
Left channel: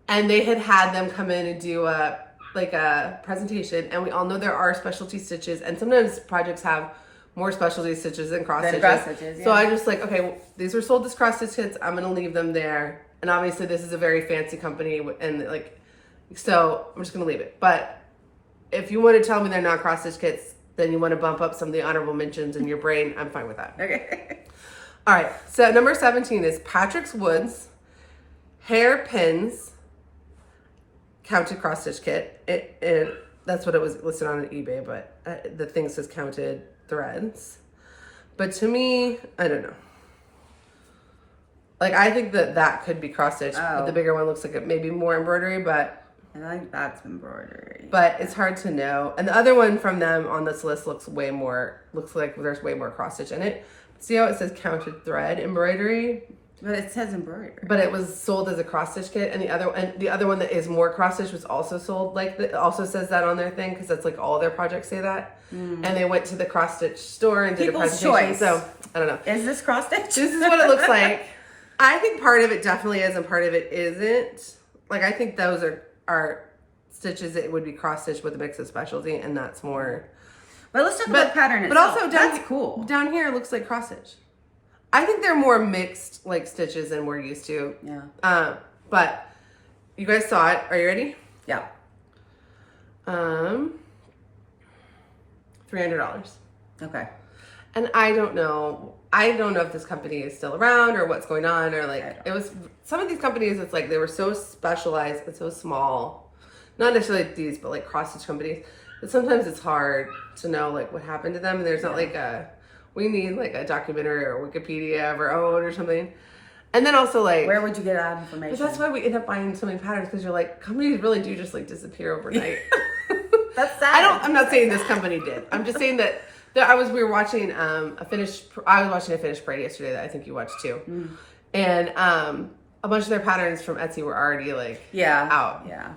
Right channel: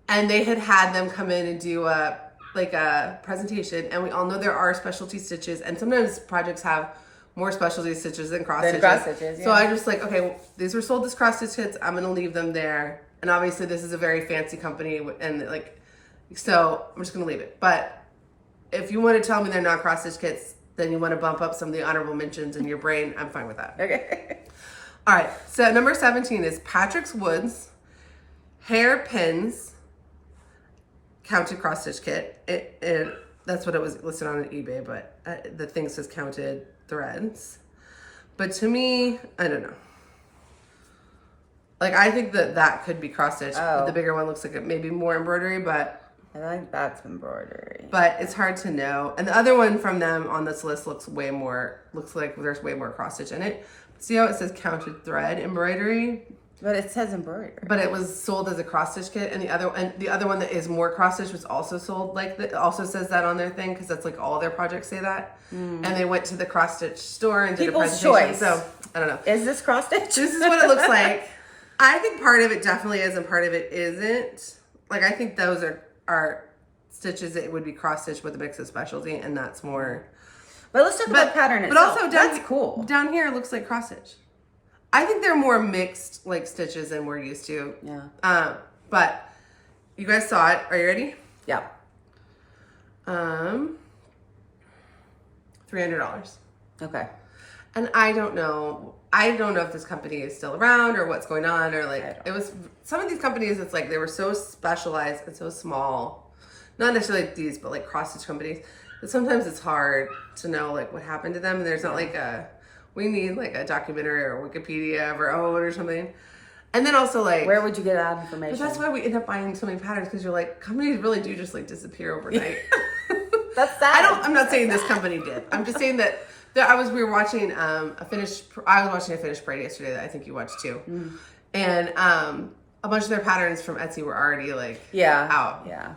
and they had them come in and do a presentation. And we all know there are specialty stitches, and sometimes projects have more specialty stitches than cross stitches. So I just okay, well, these were sold as cross stitch kits. I'm gonna leave them there, and obviously this is a very fancy company, and so I'm just gonna leave it. But if you want to tell me they're not cross stitch kits, then you want to bump up some of the honorable mentions in your brain, I'm fine with that. Okay. All right, so number 17 is Patrick's Woods Hairpins Counted Cross Stitch Kit. That's what it was listed on eBay, but the thing says counted threads. But to me, I don't know. I think that could be cross stitch. But the bigger one looks like it maybe more embroidery, but I think that's embroidery. But it's hard to know. And the other one from them on this list looks like there's way more cross stitch in it. See how it says counted thread embroidery? But it says embroidery. But it was sold as a cross stitch kit, and the other one that is more cross stitch was also sold also says that on their thing, because that's all their projects say that. And they went to the cross stitch store and did a presentation. Choice. So I don't know. Is this cross stitch? This is what it looks like. I think part of it definitely is, and part of it isn't. I think those are stitches that would be cross stitch with a mix of specialty, and that's more. But let's talk about pattern itself. But also that's cool. Down here it looks like cross stitch. I think they're more mixed stitches than we're used to. Yeah. But you guys saw it. Are you ready? Yeah. $300. Okay. And I don't know if this company is still around or what's going on, or it was some of these companies. It's they were so specialized and so small. Not necessarily these, but cross stitch companies. But sometimes it's hard to know what happened to them. And there's not we need a documentary or Wikipedia of our own or something. And then also where would you get that information? But that's why we end up buying so many patterns, because you're companies really do just disappear overnight. That's sad. I'm not saying this company did. I'm just saying that we were watching a finished parade yesterday that I think you watched too. And a bunch of their patterns from Etsy were already out. Yeah.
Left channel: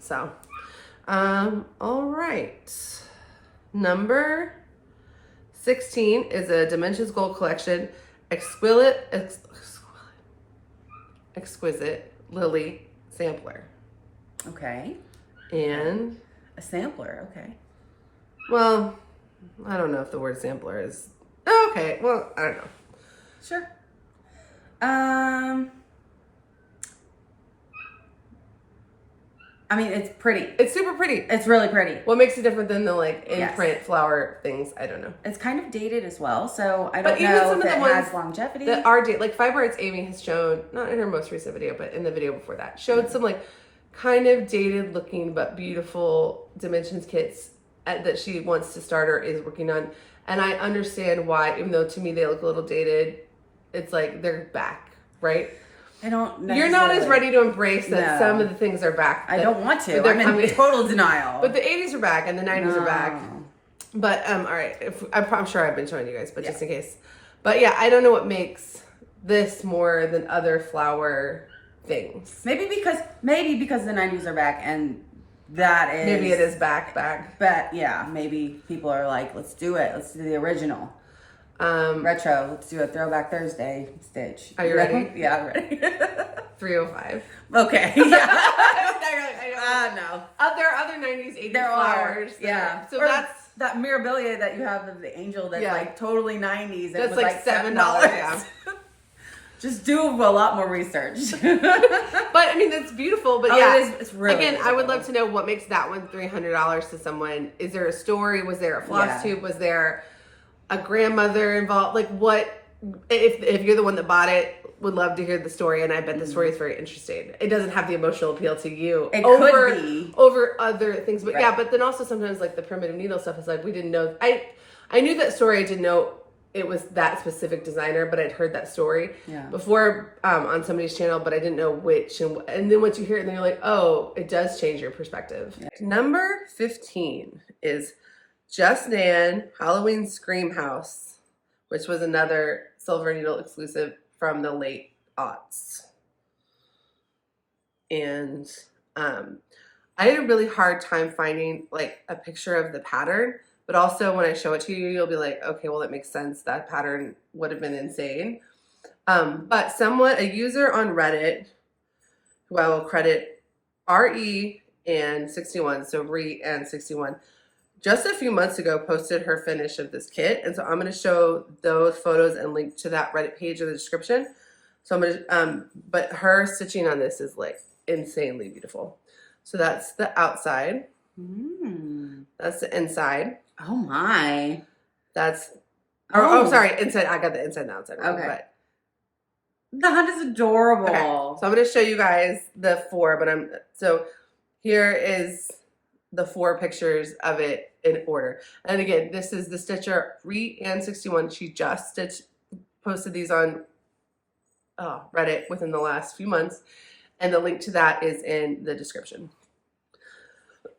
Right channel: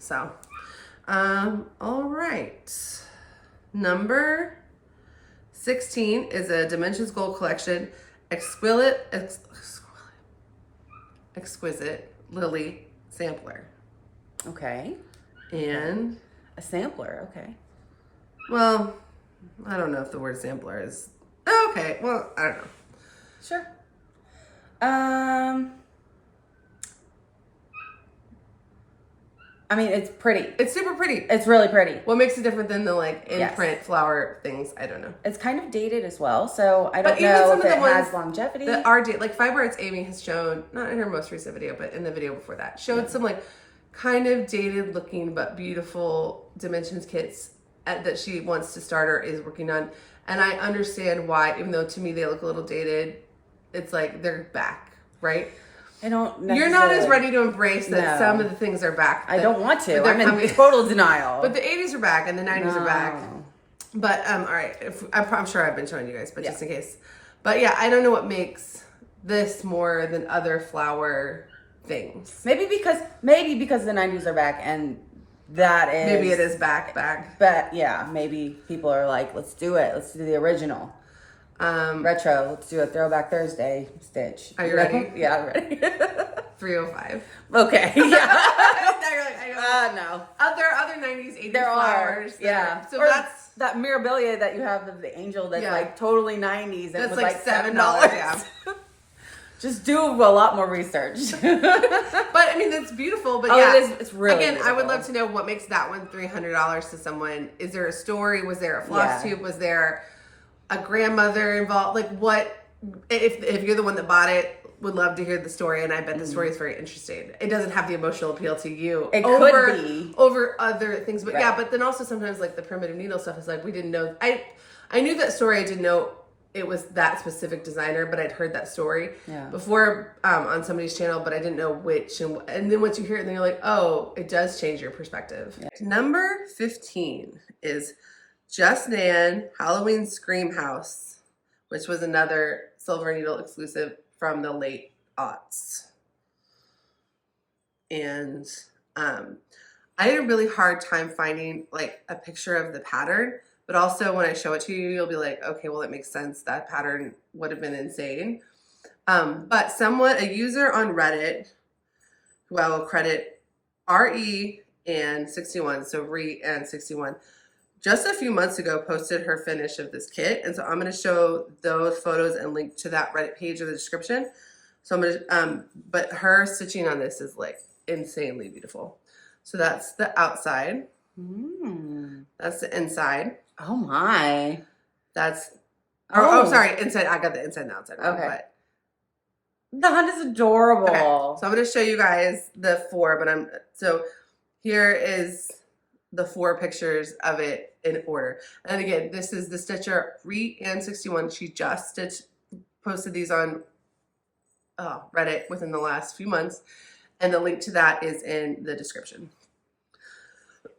So all right. Number 16 is a Dimensions Gold Collection exquisite lily sampler. Okay. And a sampler, okay. Well, I don't know if the word sampler is okay. Well, I don't know. Sure. I mean, it's pretty. It's super pretty. It's really pretty. What makes it different than the in-print flower things? I don't know. It's kind of dated as well, so I don't know if it has longevity. That are dated, Fiber Arts Amy has shown, not in her most recent video, but in the video before that, showed some kind of dated looking but beautiful dimensions kits that she wants to start or is working on. And I understand why, even though to me they look a little dated, it's they're back, right? I don't You're not as necessarily- ready to embrace that No. some of the things are back. I don't want to. but they're I'm in total denial. But the 80s are back and the 90s are back. No. But all right, I'm sure I've been showing you guys, but just in case. But yeah, I don't know what makes this more than other flower things. Maybe because the 90s are back and that is Maybe it is back. But yeah, maybe people are like, let's do it. Let's do the original. Retro. Let's do a Throwback Thursday stitch. Are you ready? Yeah, I'm ready. 305. Okay. No. There are other 90s, 80s There flowers. Yeah. So or that's that mirabilia that you have of the angel that's like totally 90s. That's was like $7. Yeah. Just do a lot more research. But I mean, that's beautiful. But yeah, it's really again, beautiful. I would love to know what makes that one $300 to someone. Is there a story? Was there a Flosstube? Was there a grandmother involved? Like what? If you're the one that bought it, would love to hear the story, and I bet the story is very interesting. It doesn't have the emotional appeal to you over other things, but yeah. But then also sometimes like the primitive needle stuff is like we didn't know. I knew that story. I didn't know it was that specific designer, but I'd heard that story before on somebody's channel, but I didn't know which. And then once you hear it, then you're like, oh, it does change your perspective. Yeah. Number 15 is Just Nan Halloween Scream House, which was another Silver Needle exclusive from the late aughts. And I had a really hard time finding like a picture of the pattern, but also when I show it to you, you'll be like, okay, well, it makes sense. That pattern would have been insane. But a user on Reddit, who I will credit RE and 61, so Re and 61, just a few months ago posted her finish of this kit. And so I'm going to show those photos and link to that Reddit page in the description. So I'm going to, but her stitching on this is like insanely beautiful. So that's the outside. That's the inside. Oh my. That's, sorry, inside. I got the inside and the outside wrong, okay. But that is adorable. Okay. So I'm going to show you guys the 4, but so here is the 4 pictures of it in order. And again, this is the stitcher Re and 61. She just posted these on Reddit within the last few months. And the link to that is in the description.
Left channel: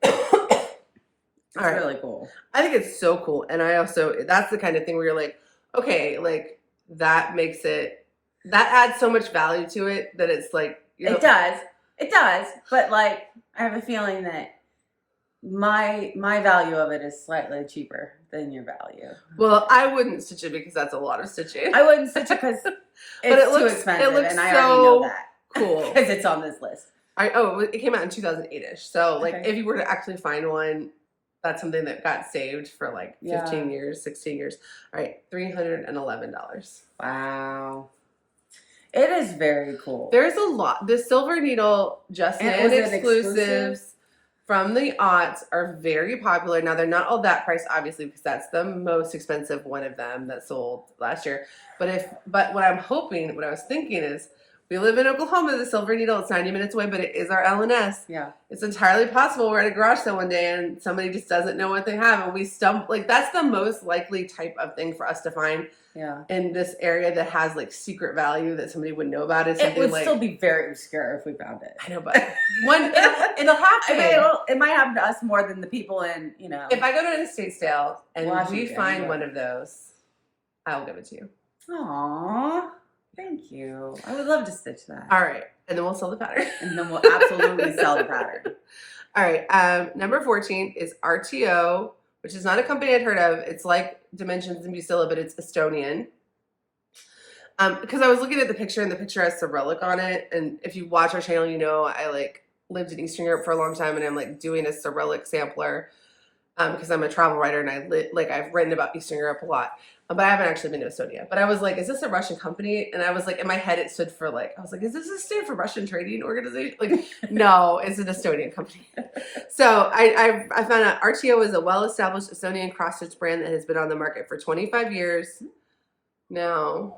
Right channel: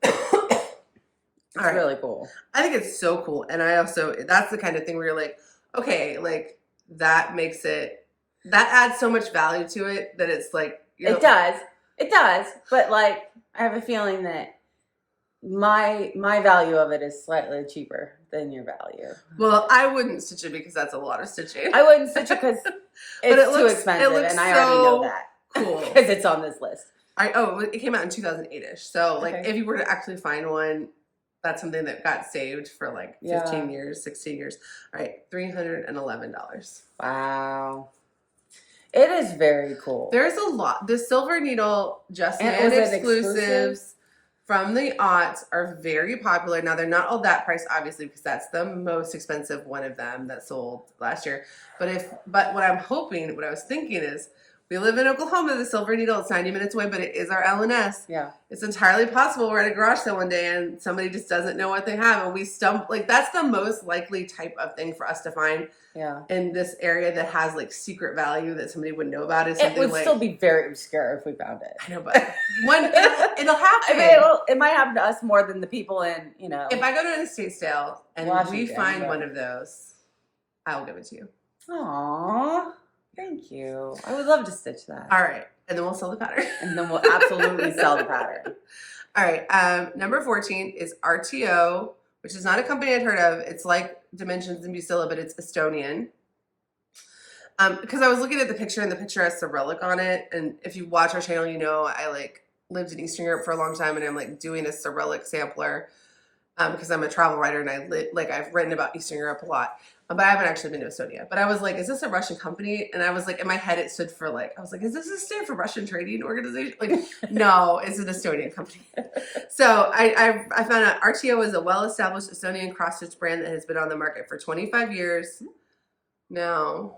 It's really cool. I think it's so cool. And that's the kind of thing where you're like, okay, like that makes it, that adds so much value to it that it's like, It does. But like, I have a feeling that my value of it is slightly cheaper than your value. Well, I wouldn't stitch it because that's a lot of stitching. I wouldn't stitch it because it's too expensive, and I already know that. Cool. Because it's on this list. It came out in 2008-ish. So like if you were to actually find one, that's something that got saved for like 15 years, 16 years. All right, $311. Wow. It is very cool. There's a lot. The Silver Needle Just Nan exclusives from the aughts are very popular. Now, they're not all that priced, obviously, because that's the most expensive one of them that sold last year. But what I was thinking is, we live in Oklahoma, the Silver Needle, it's 90 minutes away, but it is our LNS. Yeah. It's entirely possible we're at a garage sale one day and somebody just doesn't know what they have and we stumble. Like, that's the most likely type of thing for us to find in this area that has, like, secret value that somebody would know about. Is something it would still be very obscure if we found it. I know, but it'll happen. It might happen to us more than the people in, If I go to an estate sale and Washington, we find one of those, I'll give it to you. Aww. Thank you. I would love to stitch that. All right. And then we'll sell the pattern. And then we'll absolutely sell the pattern. All right. Number 14 is RTO, which is not a company I'd heard of. It's like Dimensions and Busilla, but it's Estonian. Because I was looking at the picture, and the picture has Cyrillic on it. And if you watch our channel, you know I like lived in Eastern Europe for a long time, and I'm like doing a Cyrillic sampler because I'm a travel writer, and I've written about Eastern Europe a lot. But I haven't actually been to Estonia. But I was like, is this a Russian company? And I was like, in my head, it stood for like, I was like, is this a stand for Russian Trading Organization? Like, no, it's an Estonian company. So I found out RTO is a well-established Estonian cross-stitch brand that has been on the market for 25 years. No,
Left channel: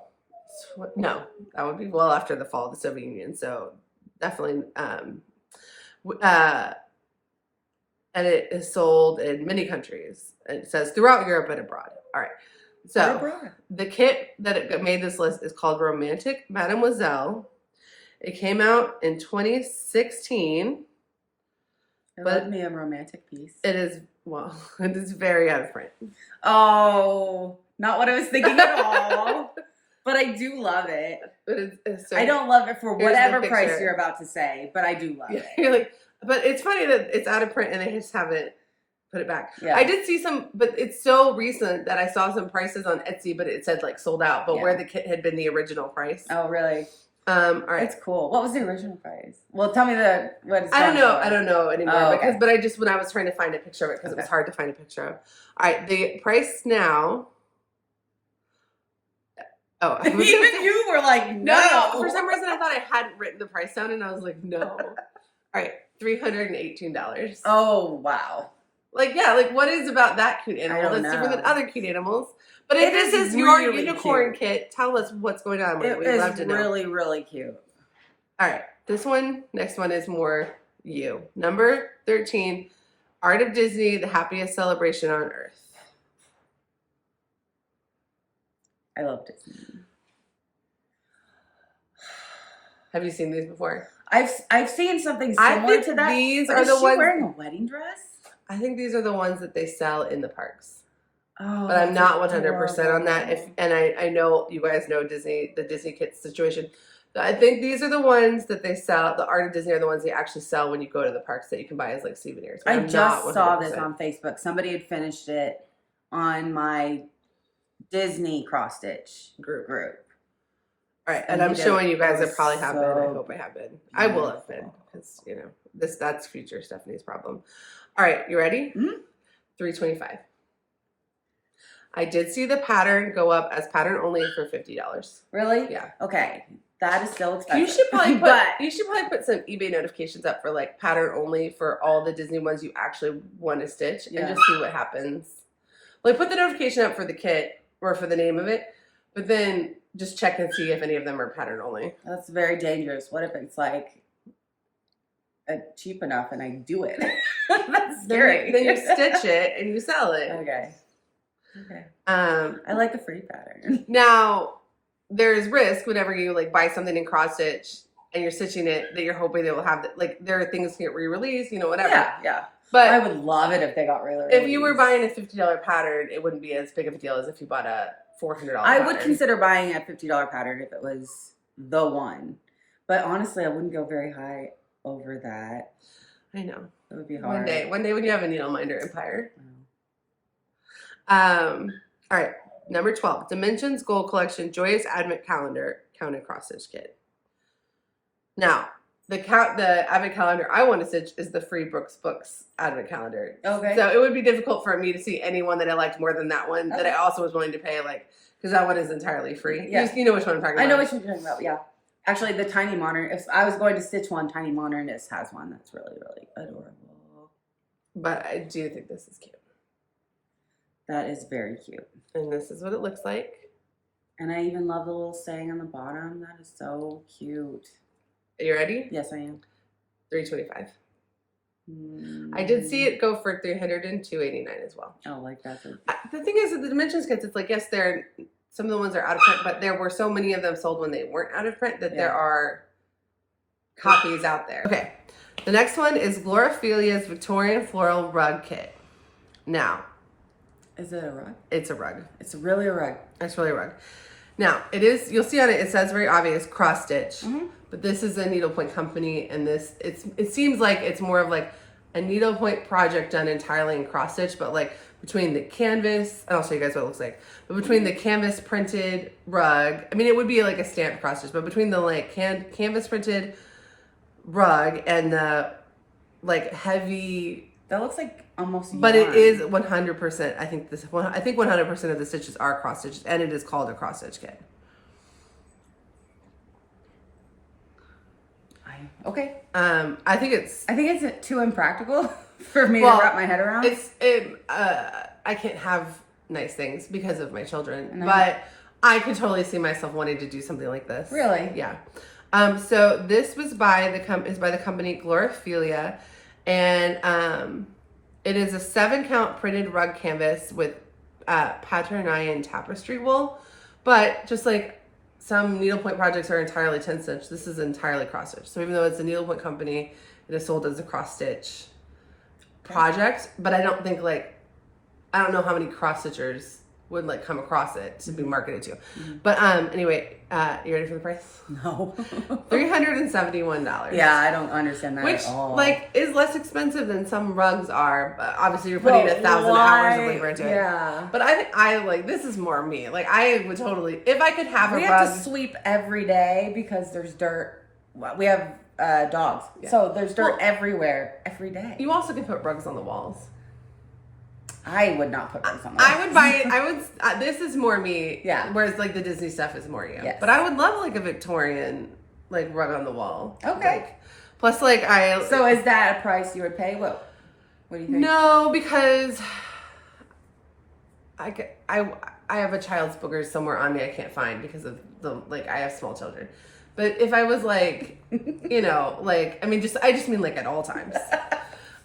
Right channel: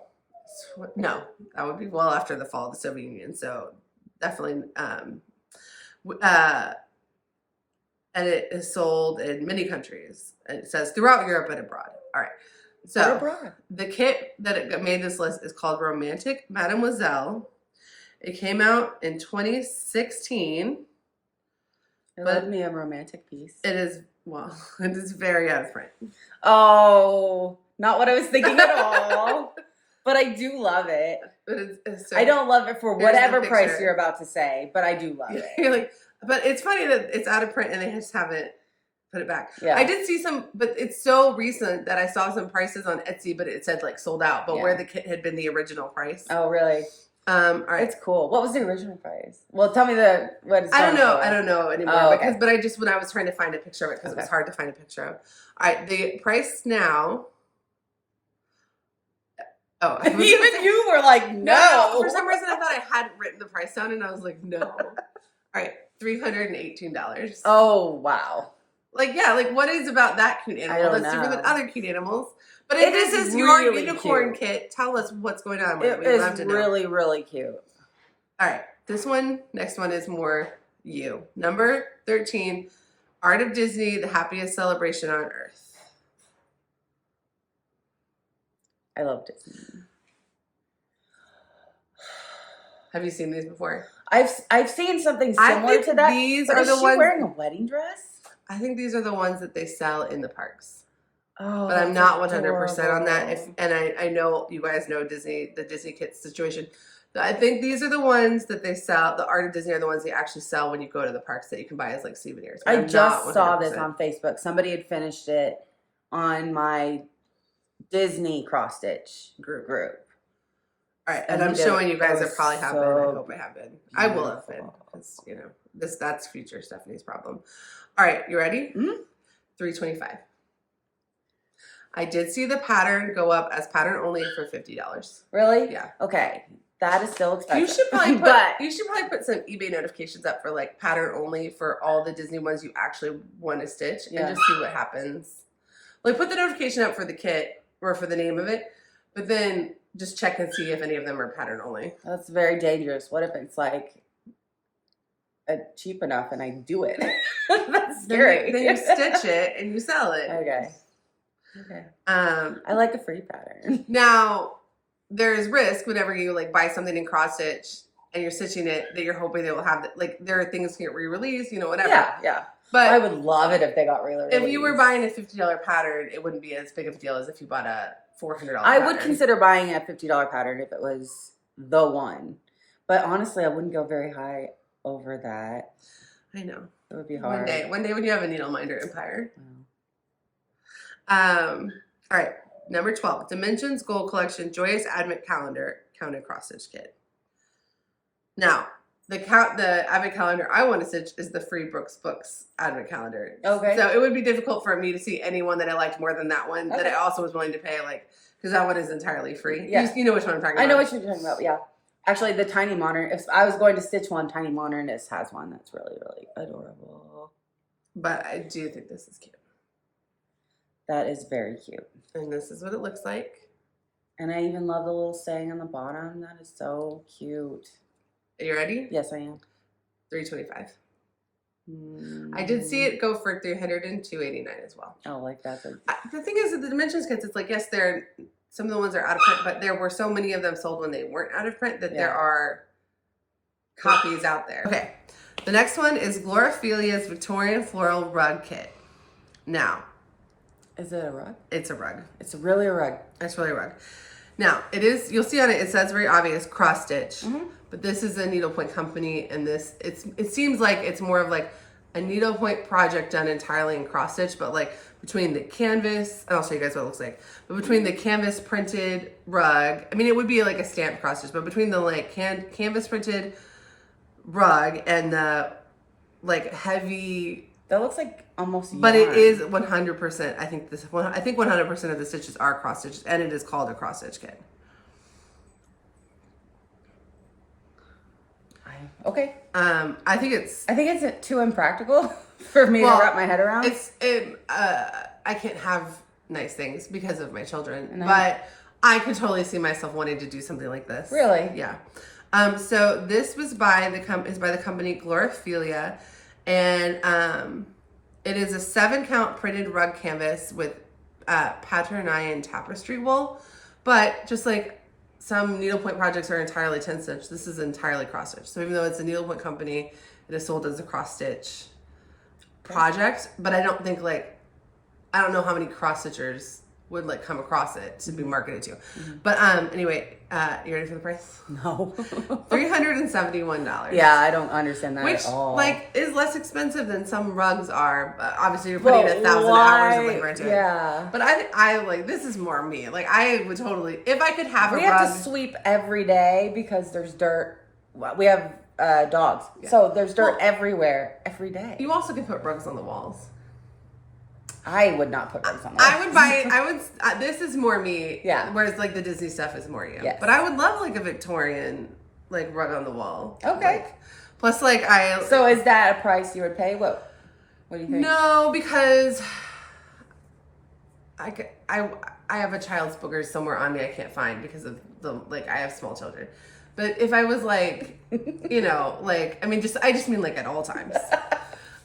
that would be well after the fall of the Soviet Union. So definitely, and it is sold in many countries. It says throughout Europe and abroad. All right. So the kit that made this list is called Romantic Mademoiselle. It came out in 2016. It But led me a romantic piece. It is, well, it is very out of print. Oh, not what I was thinking at all. But I do love it. It's so, I don't love it for whatever the price picture. you're about to say, but I do love it. You're like, but it's funny that it's out of print and they just haven't put it back. Yeah. I did see some, but it's so recent that I saw some prices on Etsy, but it said like sold out, but where the kit had been the original price. Oh, really? All right. It's cool. What was the original price? Well, tell me what it's I don't know anymore. Oh, okay. But I just, when I was trying to find a picture of it, because it was hard to find a picture of. All right, the price now. Oh, even you were like, no. For some reason, I thought I hadn't written the price down, and I was like, no. All right, $318. Oh, wow. Like, yeah, like what is about that cute animal that's different than other cute animals? But if this is your unicorn kit, tell us what's going on with it. We'd love to know. Really, really cute. All right, next one is more you. Number 13, Art of Disney, the happiest celebration on earth. I love Disney. Have you seen these before? I've seen something similar to that. These are the ones. Is she wearing a wedding dress? I think these are the ones that they sell in the parks. Oh, but I'm not 100% on that. And I know you guys know the Disney kits situation. I think these are the ones that they sell. The Art of Disney are the ones they actually sell when you go to the parks that you can buy as like souvenirs. I just saw this on Facebook. Somebody had finished it on my Disney cross stitch group. All right, and I'm showing you guys that probably have been. I hope I have been. I will have been because that's future Stephanie's problem. All right, you ready? Mm-hmm. $325. I did see the pattern go up as pattern only for $50. Really? Yeah. Okay, that is still expensive. You should probably put some eBay notifications up for like pattern only for all the Disney ones you actually want to stitch and just see what happens. Like put the notification up for the kit or for the name of it, but then just check and see if any of them are pattern only. That's very dangerous. What if it's like cheap enough and I do it? That's scary. Then you stitch it and you sell it. Okay. I like a free pattern. Now, there's risk whenever you like buy something in cross stitch and you're stitching it that you're hoping they will have like there are things that get re-released, whatever. Yeah. But I would love it if they got re-released. If you were buying a $50 pattern, it wouldn't be as big of a deal as if you bought a $400 I would consider buying a $50 pattern if it was the one. But honestly, I wouldn't go very high over that. I know. It would be hard. One day when you have a needle minder empire. All right, number 12, Dimensions Gold Collection Joyous Advent Calendar Counted Cross Stitch Kit. Now, the Advent Calendar I want to stitch is the Free Brooks Books Advent Calendar. Okay. So it would be difficult for me to see anyone that I liked more than that one that I also was willing to pay because that one is entirely free. Yeah. You know which one I'm talking about. I know what you're talking about, yeah. Actually, the Tiny Modern, if I was going to stitch one, Tiny Modernist has one that's really, really adorable. But I do think this is cute. That is very cute. And this is what it looks like. And I even love the little saying on the bottom. That is so cute. Are you ready? Yes, I am. $325. I did see it go for $300 and $289 as well. Oh, like that. The thing is, with the Dimensions kits, it's like, yes, some of the ones are out of print, but there were so many of them sold when they weren't out of print that there are copies out there. Okay. The next one is Glorophilia's Victorian Floral Rug Kit. Now. Is it a rug? It's a rug. It's really a rug. It's really a rug. Now, you'll see on it says very obvious cross stitch, but this is a needlepoint company, and it seems like it's more of like a needlepoint project done entirely in cross stitch, but like between the canvas, and I'll show you guys what it looks like, but between the canvas printed rug, I mean, it would be like a stamped cross stitch, but between the like canvas printed rug and the like heavy, that looks like almost but yarn. It is 100%. I think 100% of the stitches are cross stitches, and it is called a cross stitch kit. Okay. I think it's too impractical for me to wrap my head around. I can't have nice things because of my children, but I could totally see myself wanting to do something like this. Really? Yeah. So this was by the company Glorophilia, and it is a 7-count printed rug canvas with Paternian tapestry wool, but just like some needlepoint projects are entirely 10 stitch. This is entirely cross stitch. So even though it's a needlepoint company, it is sold as a cross stitch project. But I don't think like, I don't know how many cross stitchers would like come across it to be marketed to. But anyway, you ready for the price? No. $371. Yeah, I don't understand that Which at all. like is less expensive than some rugs are, but obviously you're putting 1,000 hours of labor into it. Yeah. But I like, this is more me. Like I would totally, if I could have a We rug. have to sweep every day because there's dirt. Well, we have dogs, so there's dirt everywhere every day. You also can put rugs on the walls. I would not put rugs on the walls. I would buy it. I would. This is more me. Yeah. Whereas like the Disney stuff is more you. Yes. But I would love like a Victorian like rug on the wall. Okay. Like, plus like I. So is that a price you would pay? What do you think? No, because I have a child's boogers somewhere on me I can't find because of the like I have small children. But if I was like, you know, like I just mean like at all times.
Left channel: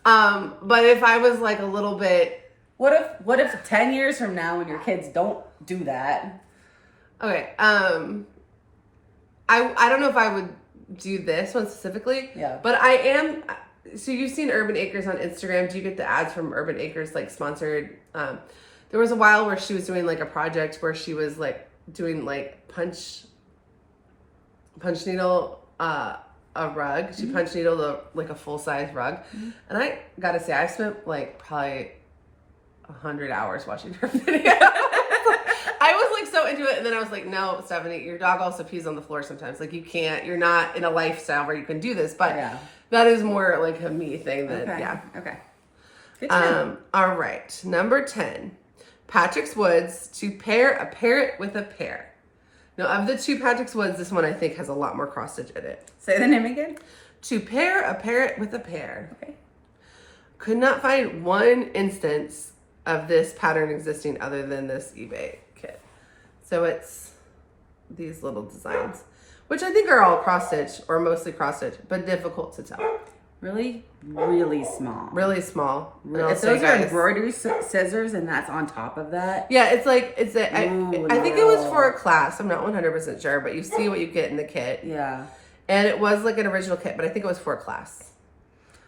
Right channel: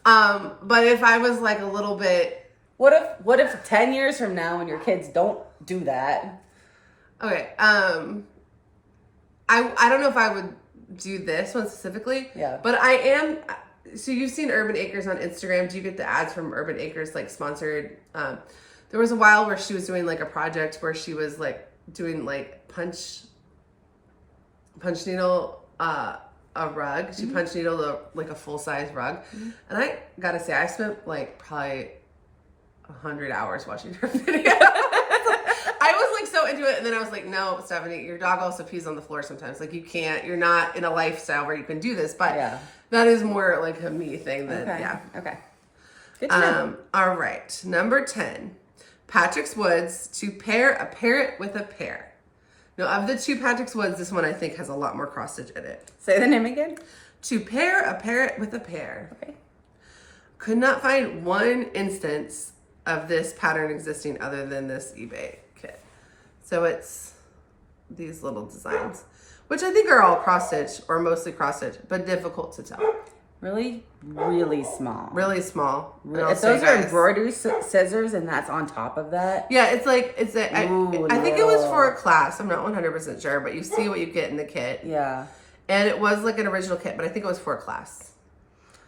But if I was like a little bit. What if 10 years from now when your kids don't do that? Okay. I don't know if I would do this one specifically. Yeah. But I am. So you've seen Urban Acres on Instagram. Do you get the ads from Urban Acres like sponsored? There was a while where she was doing like a project where she was like doing like punch needle a rug. She punch needled like a full size rug, and I gotta say I spent like probably 100 hours watching her video. I was like so into it, and then I was like, no, Stephanie, your dog also pees on the floor sometimes. Like you're not in a lifestyle where you can do this, but that is more like a me thing than Okay. Good to know. All right, number 10, Patrick's Woods, to pair a parrot with a pear. Now of the two Patrick's Woods, this one I think has a lot more cross stitch in it. Say the name again. To pair a parrot with a pear. Okay. Could not find one instance of this pattern existing other than this eBay kit. So it's these little designs, which I think are all cross stitch or mostly cross stitch, but difficult to tell. Really, really small. Really small. If those are embroidery scissors and that's on top of that. Yeah, it's like, I think it was for a class. I'm not 100% sure, but you see what you get in the kit. Yeah. And it was like an original kit, but I think it was for a class.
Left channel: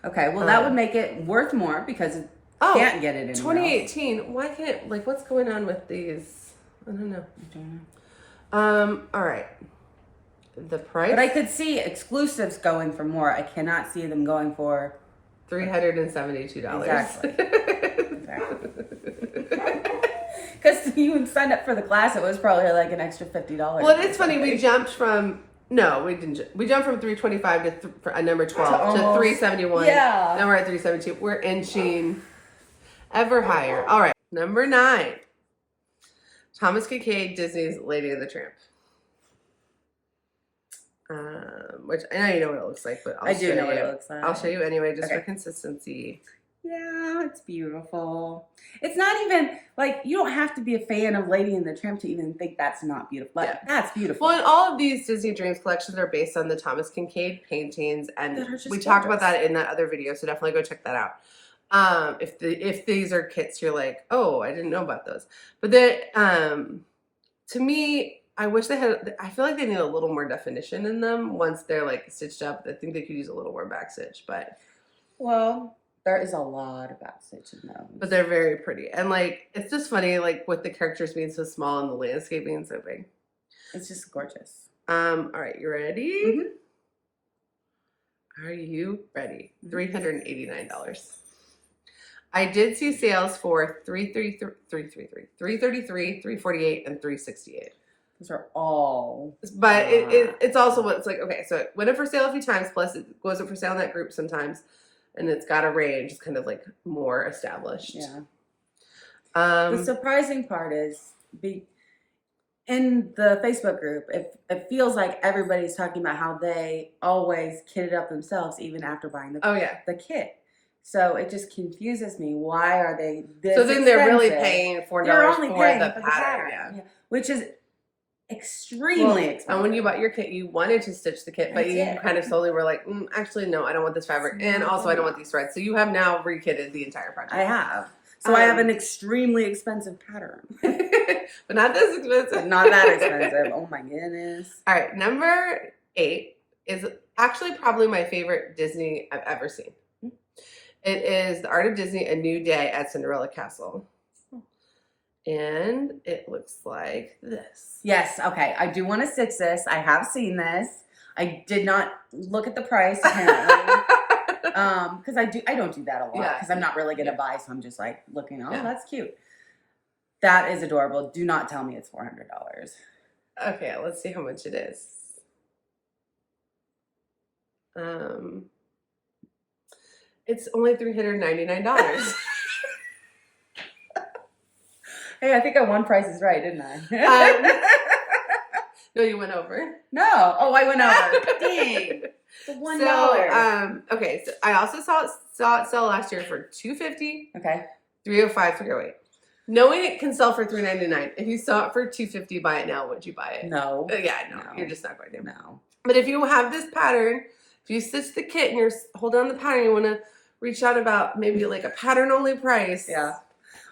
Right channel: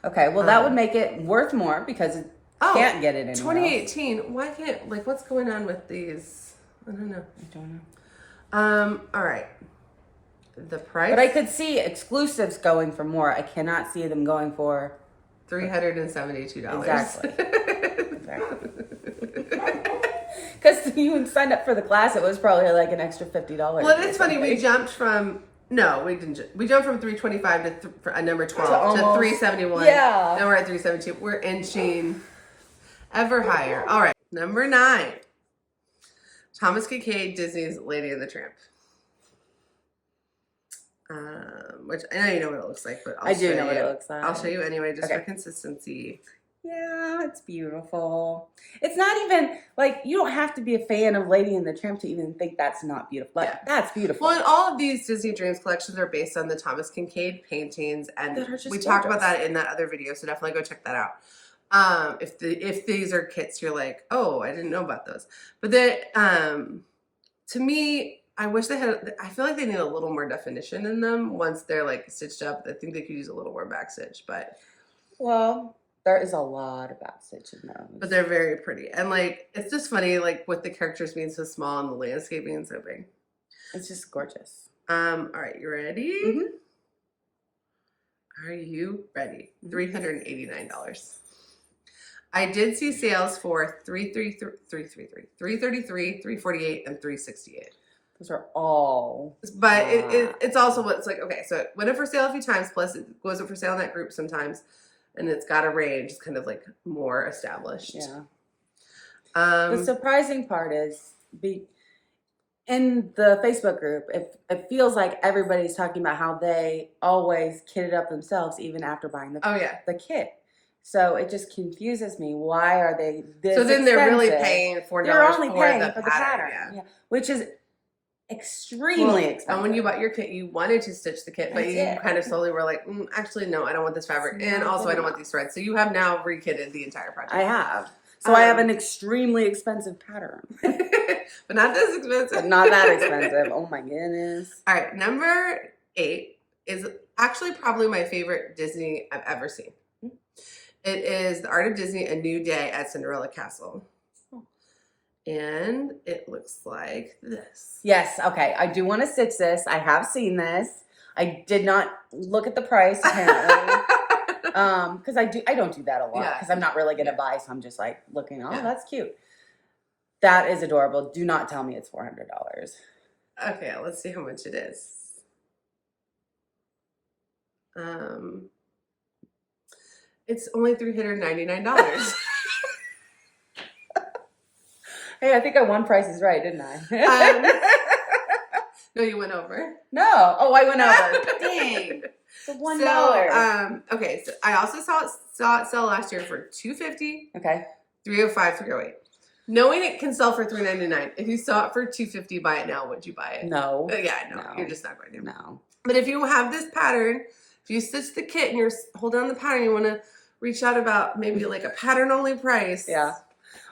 Okay, well that would make it worth more because it can't get it in 2018. Why can't, like, what's going on with these? I don't know. All right. The price? But I could see exclusives going for more. I cannot see them going for $372. Exactly. Because you signed up for the class, it was probably like an extra $50. Well, it is funny. We jumped from we didn't. We jumped from 325 to number 12 to 371. Yeah. Now we're at 372. We're inching ever higher. All right, number 9. Thomas Kinkade, Disney's Lady and the Tramp. Which I know you know what it looks like, but I do know what it looks like. I'll show you anyway, just for consistency. Yeah, it's beautiful. It's not even like you don't have to be a fan of Lady and the Tramp to even think that's not beautiful. Like, that's beautiful. Well, and all of these Disney Dreams collections are based on the Thomas Kinkade paintings, and we talked about that in that other video, so definitely go check that out. If these are kits, you're like, oh, I didn't know about those. But to me, I wish they had. I feel like they need a little more definition in them once they're like stitched up. I think they could use a little more back stitch, but there is a lot of back stitch in those. But they're very pretty, and like it's just funny, like with the characters being so small and the landscape being so big. It's just gorgeous. All right, you ready? Mm-hmm. Are you ready? $389. I did see sales for $333, $348, and $368. Those are all. But it's also what it's like. Okay, so it went up for sale a few times. Plus, it goes up for sale in that group sometimes, and it's got a range. It's kind of like more established. Yeah. The surprising part is in the Facebook group, it feels like everybody's talking about how they always kitted up themselves even after buying the kit. So it just confuses me. Why are they this So then they're expensive? really paying $4 for the pattern. Yeah. Which is extremely expensive. And when you bought your kit, you wanted to stitch the kit, but you kind of slowly were like, actually, no, I don't want this fabric. And also, I don't want these threads. So you have now re-kitted the entire project. I have. So I have an extremely expensive pattern. but not this expensive. Not that expensive. Oh my goodness. All right, number 8 is actually probably my favorite Disney I've ever seen. It is The Art of Disney: A New Day at Cinderella Castle. And it looks like this. Yes, okay. I do want to stitch this. I have seen this. I did not look at the price apparently. Because I don't do that a lot because I'm not really gonna buy, so I'm just like looking, that's cute. That is adorable. Do not tell me it's $400. Okay, let's see how much it is. It's only $399. Hey, I think I won Price is Right, didn't I? No, you went over. No. Oh, I went over. Dang. It's $1. So, okay, so I also saw it sell last year for $250. Okay. $305, $308. Knowing it can sell for $399. If you saw it for $250, buy it now. Would you buy it? No. Yeah, no. You're just not going to. No. But if you have this pattern, if you stitch the kit and you're holding on the pattern, you want to reach out about maybe like a pattern only price. Yeah.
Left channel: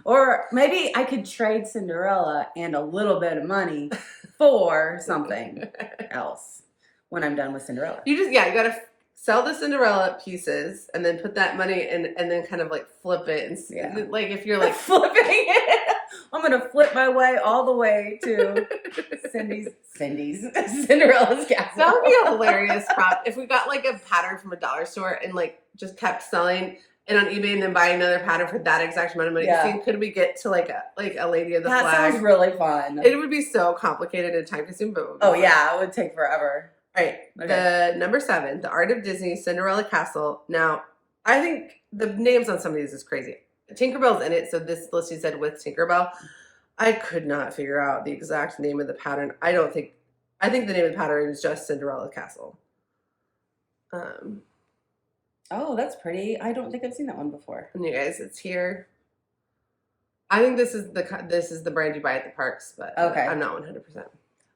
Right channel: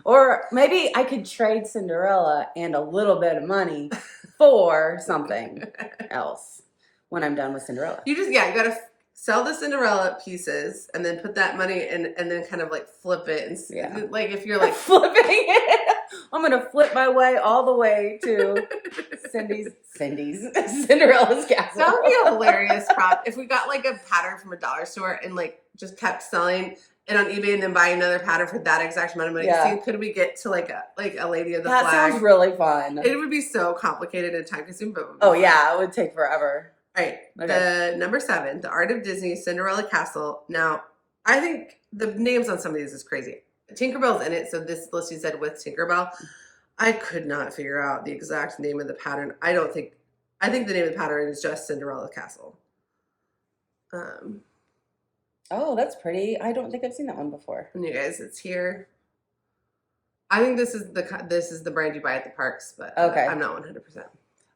Or maybe I could trade Cinderella and a little bit of money for something else when I'm done with Cinderella. You got to sell the Cinderella pieces and then put that money in and then kind of like flip it. And like if you're like flipping it, I'm going to flip my way all the way to Cinderella's castle. That would be a hilarious prop if we got like a pattern from a dollar store and like just kept selling it on eBay and then buy another pattern for that exact amount of money. Yeah. See, could we get to like a Lady of the Flag? That sounds really fun. It would be so complicated and time consuming, but it would take forever. All right, okay. The number 7, The Art of Disney Cinderella Castle. Now, I think the names on some of these is crazy. Tinkerbell's in it, so this listing said with Tinkerbell. I could not figure out the exact name of the pattern. I think the name of the pattern is just Cinderella Castle. Oh, that's pretty. I don't think I've seen that one before. And you guys, it's here. I think this is the brand you buy at the parks, but okay. I'm not 100%.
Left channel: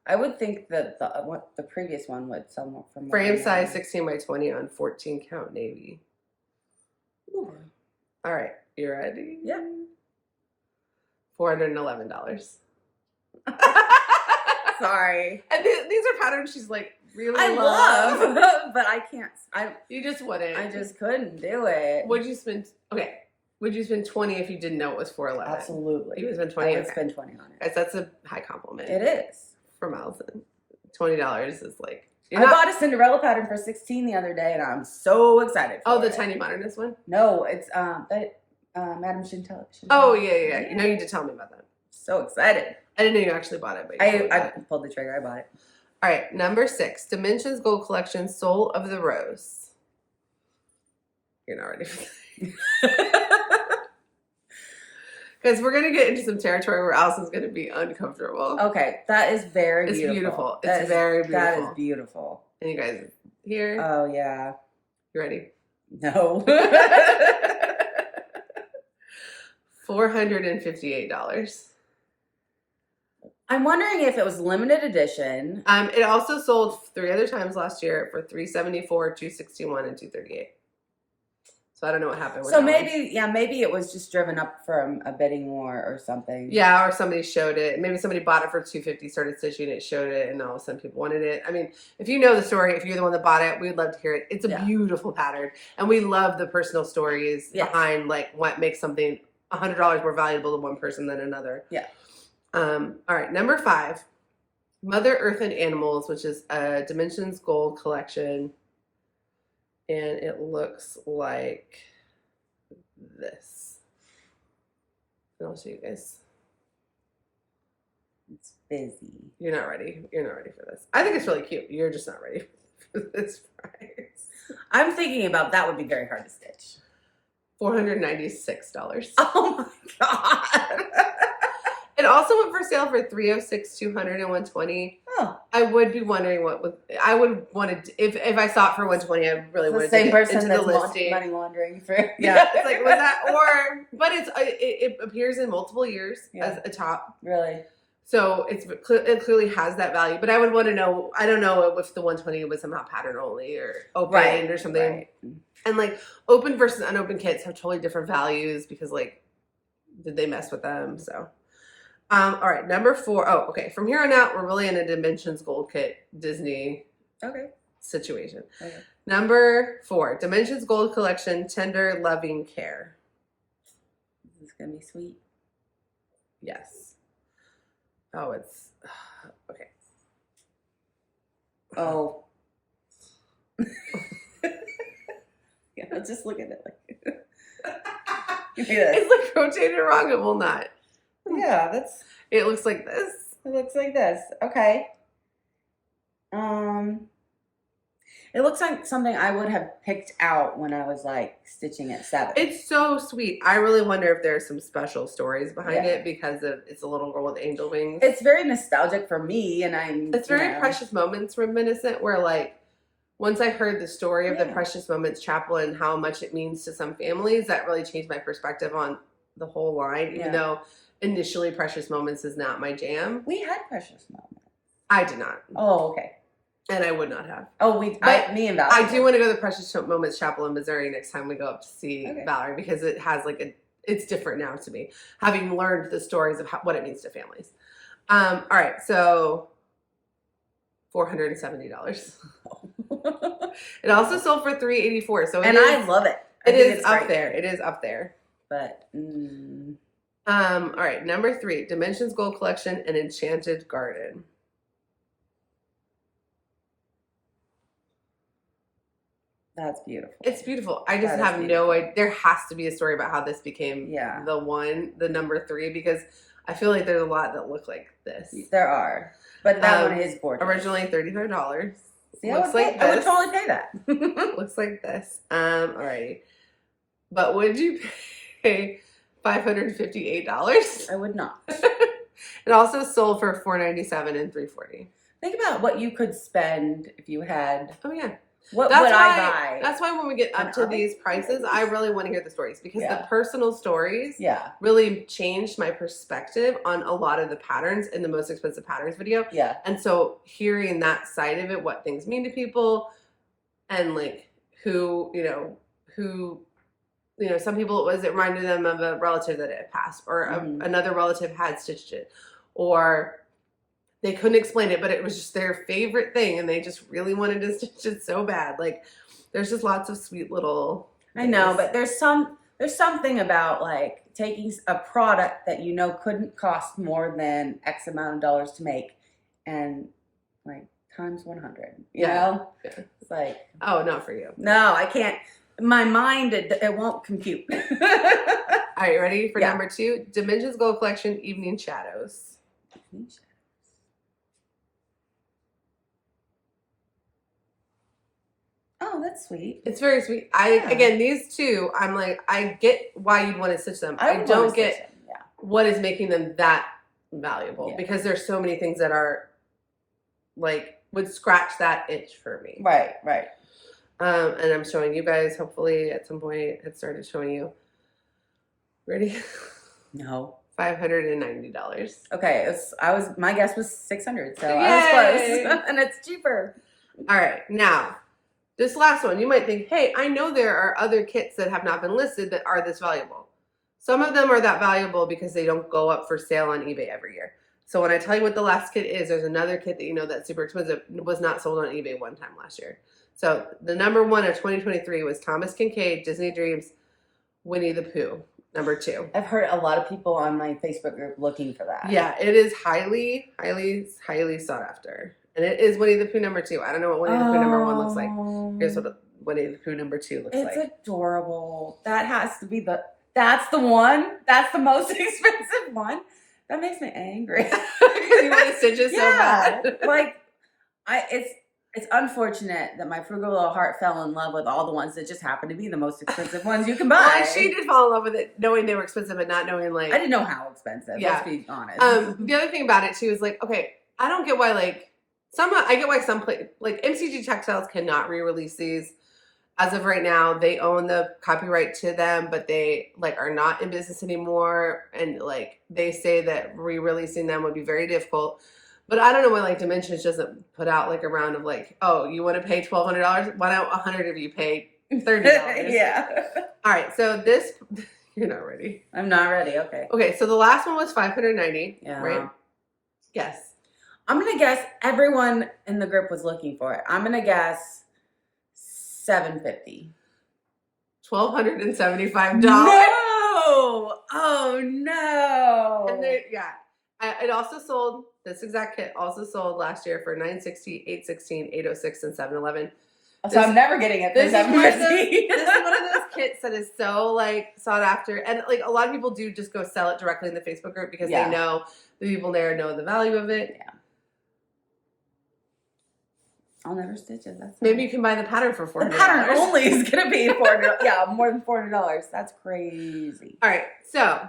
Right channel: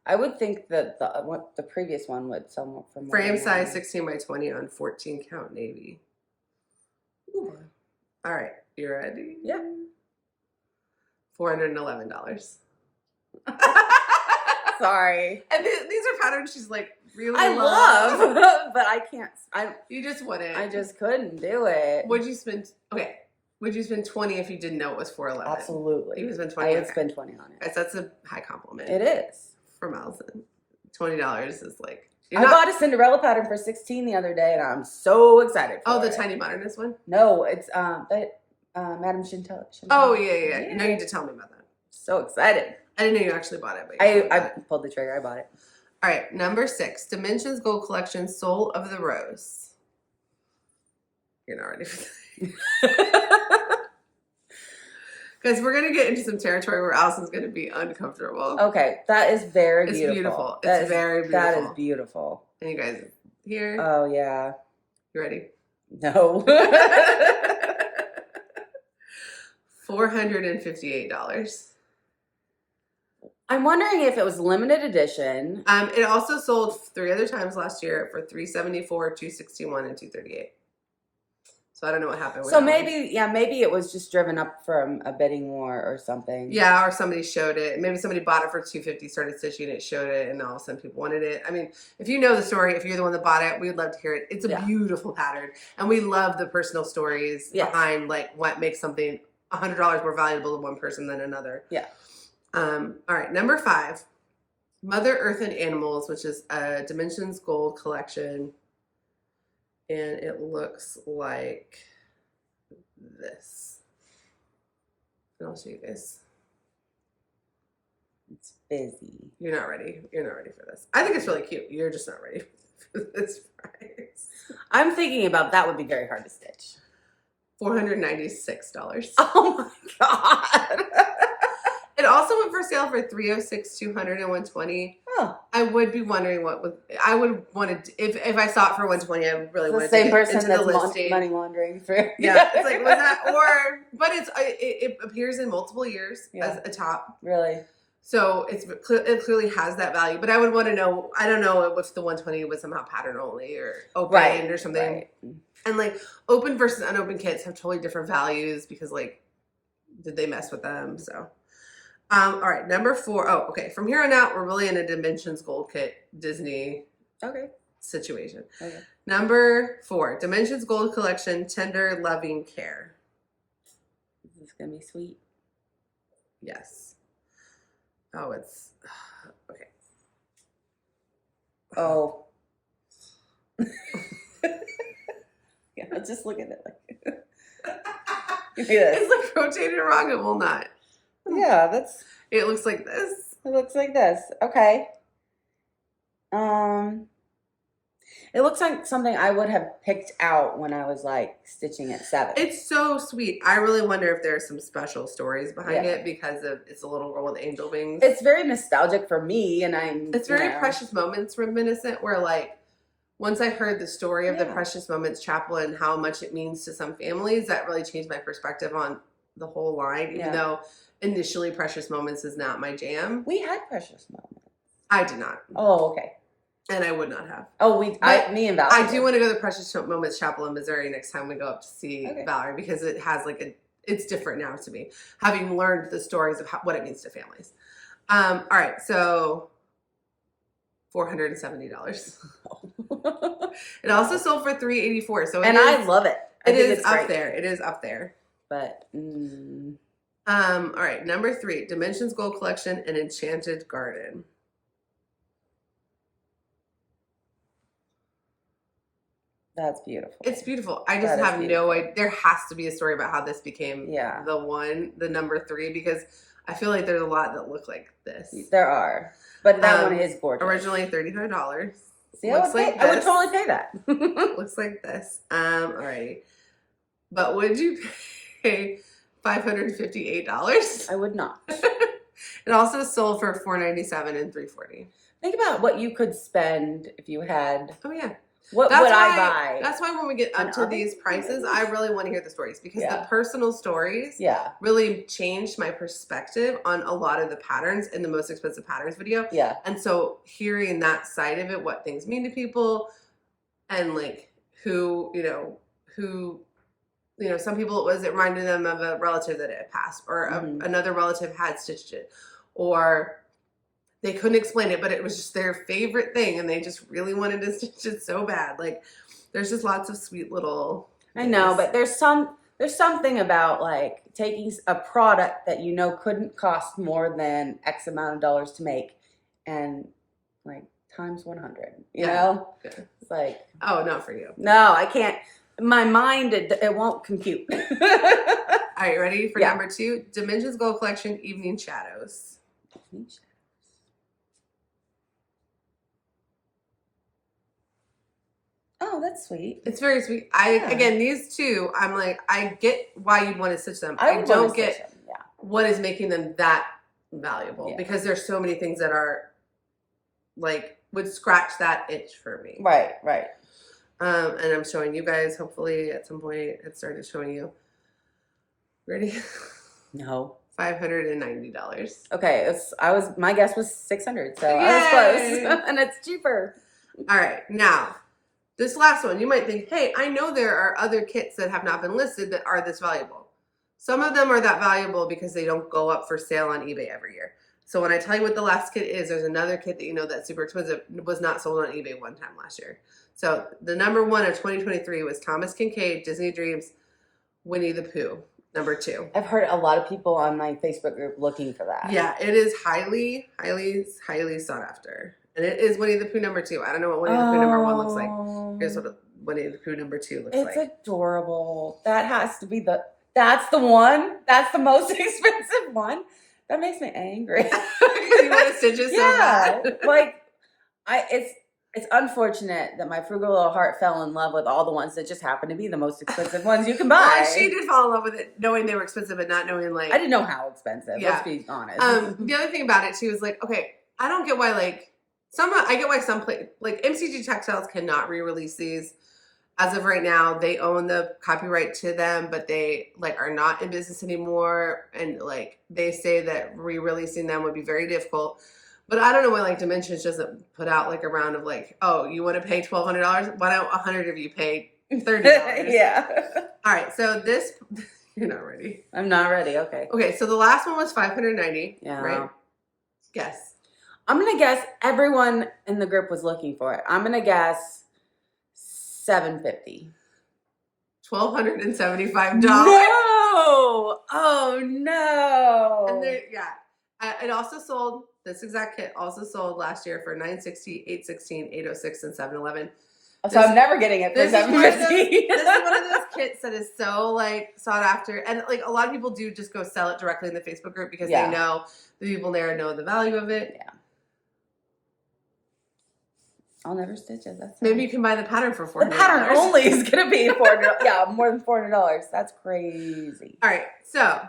I would think that the previous one would sell more for more. Frame size 16 by 20 on 14 count navy. Ooh. All right, you ready? Yeah. $411. Sorry. And these are patterns she's like really I love, but I can't. You just wouldn't. I just couldn't do it. Would you spend? Okay. Would you spend $20 if you didn't know it was $411? Absolutely. You would spend $20. I would spend $20 on it. That's a high compliment. It is. From Allison. $20 is like. I bought a Cinderella pattern for $16 the other day, and I'm so excited. The Tiny Modernist one? No, it's Madame Chantal. Oh yeah. You know, you need to tell me about that. So excited. I didn't know you actually bought it, but I pulled the trigger. I bought it. All right, number 6, Dimensions Gold Collection, Soul of the Rose. You're not ready for that. Because we're going to get into some territory where Allison's going to be uncomfortable. Okay, that is very beautiful. It's beautiful. It's very beautiful. That is beautiful. And you guys here? Oh, yeah. You ready? No. $458. I'm wondering if it was limited edition. It also sold 3 other times last year for $374, $261, and $238. So I don't know what happened with So that maybe, maybe it was just driven up from a bidding war or something. Yeah, or somebody showed it. Maybe somebody bought it for $250, started stitching it, showed it, and all of a sudden people wanted it. I mean, if you know the story, if you're the one that bought it, we'd love to hear it. It's a beautiful pattern, and we love the personal stories behind like what makes something $100 more valuable to one person than another. Yeah. All right, number 5, Mother Earth and Animals, which is a Dimensions Gold collection. And it looks like this. And I'll show you guys. It's busy. You're not ready. You're not ready for this. I think it's really cute. You're just not ready for this price. I'm thinking about that would be very hard to stitch. $496. Oh my God. It also went for sale for $306, $200, and $120. Oh, I would be wondering I would want to, if I saw it for $120, I really wanted to get into the listing. Money laundering for. Yeah, it's like, was that, but it appears in multiple years as a top. Really? So it clearly has that value, but I would want to know, I don't know if the 120 was somehow pattern only or open or something. Right. And like open versus unopened kits have totally different values because like, did they mess with them? So. All right, number 4. Oh, okay. From here on out, we're really in a Dimensions Gold Kit Disney situation. Okay. Number 4, Dimensions Gold Collection, Tender Loving Care. This is gonna be sweet. Yes. Oh, it's okay. Oh. Yeah, just look at it like yeah. It's like rotated wrong. It will not. Yeah, that's. It looks like this. It looks like this. Okay. It looks like something I would have picked out when I was like stitching at 7. It's so sweet. I really wonder if there's some special stories behind it because of it's a little girl with angel wings. It's very nostalgic for me, and It's very Precious Moments reminiscent. Where like once I heard the story of the Precious Moments Chapel and how much it means to some families, that really changed my perspective on the whole line. Even though initially Precious Moments is not my jam. We had Precious Moments. I did not. Oh, okay. And I would not have. Oh, me and Valerie. I do want to go to the Precious Moments Chapel in Missouri next time we go up to see Valerie because it has like it's different now to me, having learned the stories of what it means to families. All right, so $470. It also sold for $384. So I love it. It is up there. It is up there. But all right, number 3, Dimensions Gold Collection, an Enchanted Garden. That's beautiful. It's beautiful. I just have no idea. There has to be a story about how this became the number 3, because I feel like there's a lot that look like this. There are. But that one is gorgeous. Originally $35. See, I would totally pay that. Looks like this. Alrighty. But would you pay $558? I would not. It also sold for $497 and $340. Think about what you could spend if you had. Oh yeah. What would I buy? That's why when we get up to these prices, I really want to hear the stories, because the personal stories really changed my perspective on a lot of the patterns in the most expensive patterns video. Yeah. And so hearing that side of it, what things mean to people, and like who, some people it reminded them of a relative that had passed, or another relative had stitched it, or they couldn't explain it, but it was just their favorite thing, and they just really wanted to stitch it so bad. Like, there's just lots of sweet little things. I know, but there's something about like taking a product that couldn't cost more than X amount of dollars to make, and like times 100. You know, it's like, oh, not for you. No, I can't. My mind, it won't compute. All right, ready for number 2? Dimensions Gold Collection, Evening Shadows. Oh, that's sweet. It's very sweet. Again, these two, I'm like, I get why you'd want to stitch them. I don't get what is making them that valuable, because there's so many things that are like would scratch that itch for me. Right. And I'm showing you guys. Hopefully, at some point, it started showing you. Ready? No. $590. Okay, my guess was 600, so I was close, and it's cheaper. All right, now. This last one, you might think, hey, I know there are other kits that have not been listed that are this valuable. Some of them are that valuable because they don't go up for sale on eBay every year. So when I tell you what the last kit is, there's another kit that that's super expensive, was not sold on eBay one time last year. So the number 1 of 2023 was Thomas Kinkade, Disney Dreams, Winnie the Pooh, number 2. I've heard a lot of people on my Facebook group looking for that. Yeah, it is highly, highly, highly sought after. And it is Winnie the Pooh number 2. I don't know what Winnie the Pooh number 1 looks like. Here's what Winnie the Pooh number 2 looks like. It's adorable. That has to be that's the one. That's the most expensive one. That makes me angry. Because you want to stitch it so bad. Like, it's unfortunate that my frugal little heart fell in love with all the ones that just happen to be the most expensive ones you can buy. Well, she did fall in love with it, knowing they were expensive, but not knowing like I didn't know how expensive. Let's be honest. The other thing about it too is like, okay, I don't get why I get why some like MCG Textiles cannot re-release these. As of right now, they own the copyright to them, but they like are not in business anymore, and like they say that re-releasing them would be very difficult. But I don't know why like Dimensions doesn't put out like a round of like, oh, you want to pay $1,200? Why don't 100 of you pay $30? Yeah. All right, so this You're not ready. I'm not ready. Okay. Okay, so the last one was 590. Yeah. Right? Guess. I'm going to guess everyone in the group was looking for it. I'm going to guess $750. $1,275. No! Oh, no. And it also sold, this exact kit also sold last year for $960, $816, $806, and $711. So I'm never getting it for This is one of those $750. kits that is so like sought after, and like a lot of people do just go sell it directly in the Facebook group because they know the people there know the value of it. Yeah. I'll never stitch it. That's maybe you can buy the pattern for $400. The pattern only is gonna be $400. Yeah, more than $400. That's crazy. All right, so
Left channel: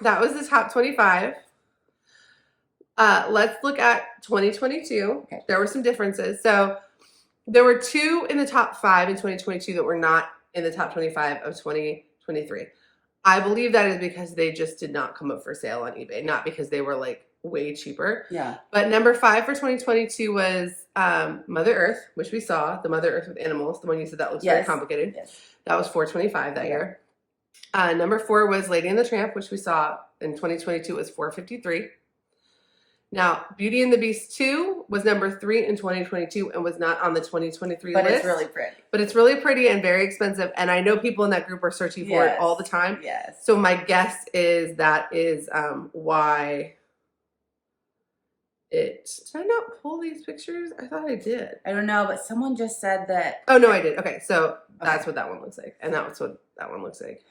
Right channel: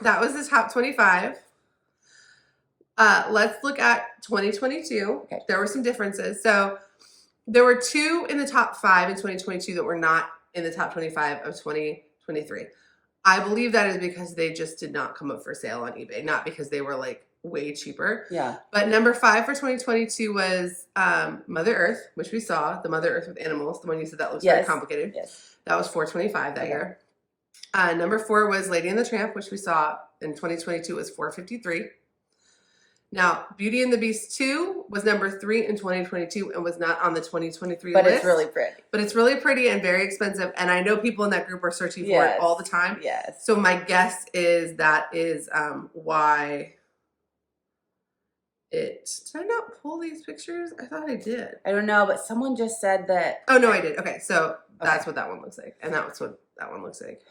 that was the top 25. Let's look at 2022. Okay. There were some differences. So there were 2 in the top 5 in 2022 that were not in the top 25 of 2023. I believe that is because they just did not come up for sale on eBay, not because they were like way cheaper. Yeah. But number 5 for 2022 was Mother Earth, which we saw, the Mother Earth with animals, the one you said that looks very complicated. Yes. That was $425 that year. Number 4 was Lady and the Tramp, which we saw in 2022 was $453. Now, Beauty and the Beast 2 was number 3 in 2022 and was not on the 2023 list. But it's really pretty. But it's really pretty and very expensive. And I know people in that group are searching for it all the time. Yes. So my guess is that is why it... Did I not pull these pictures? I thought I did. I don't know, but someone just said that... Oh, no, I did. Okay, so that's what that one looks like. And that's what that one looks like.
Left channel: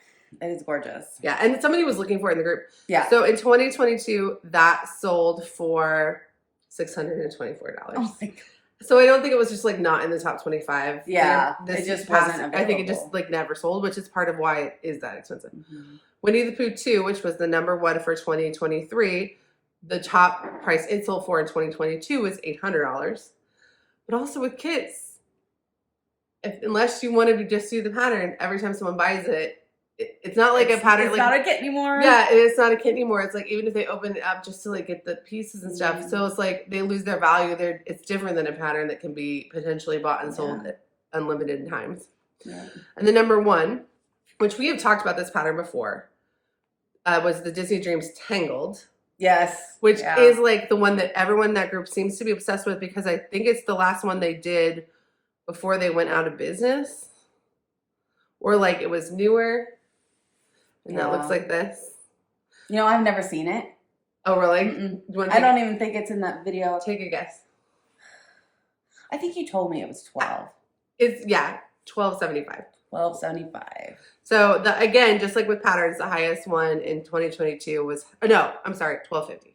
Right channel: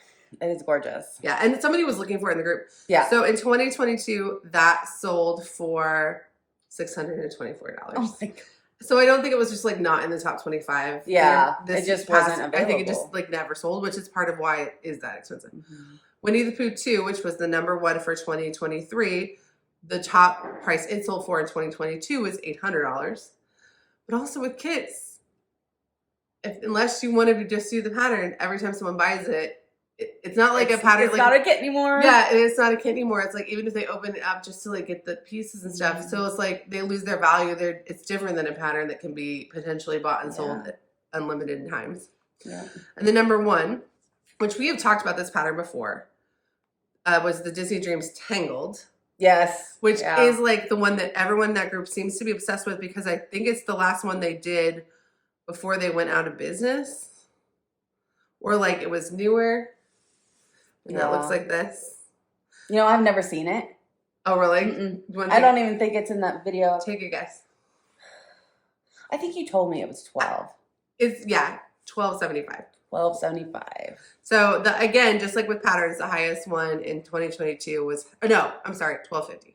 It is gorgeous. Yeah, and somebody was looking for it in the group. Yeah. So in 2022, that sold for $624. Oh my God. So I don't think it was just like not in the top 25. Yeah, this it just past, wasn't available. I think it just like never sold, which is part of why it is that expensive. Mm-hmm. Winnie the Pooh 2, which was the number 1 for 2023, the top price it sold for in 2022 was $800. But also with kits, unless you wanted to just do the pattern, every time someone buys it, it's not like a pattern. It's like, not a kit anymore. Yeah, it's not a kit anymore. It's like even if they open it up just to like get the pieces and stuff, so it's like they lose their value. It's different than a pattern that can be potentially bought and sold unlimited times. Yeah. And the number 1, which we have talked about this pattern before, was the Disney Dreams Tangled. Yes. Which is like the one that everyone in that group seems to be obsessed with because I think it's the last one they did before they went out of business. Or like it was newer. And that looks like this. You know, I've never seen it. Oh, really? I don't even think it's in that video. Take a guess. I think you told me it was 12. It's $12.75. $12.75. So again, just like with patterns, the highest one in 2022 was $12.50.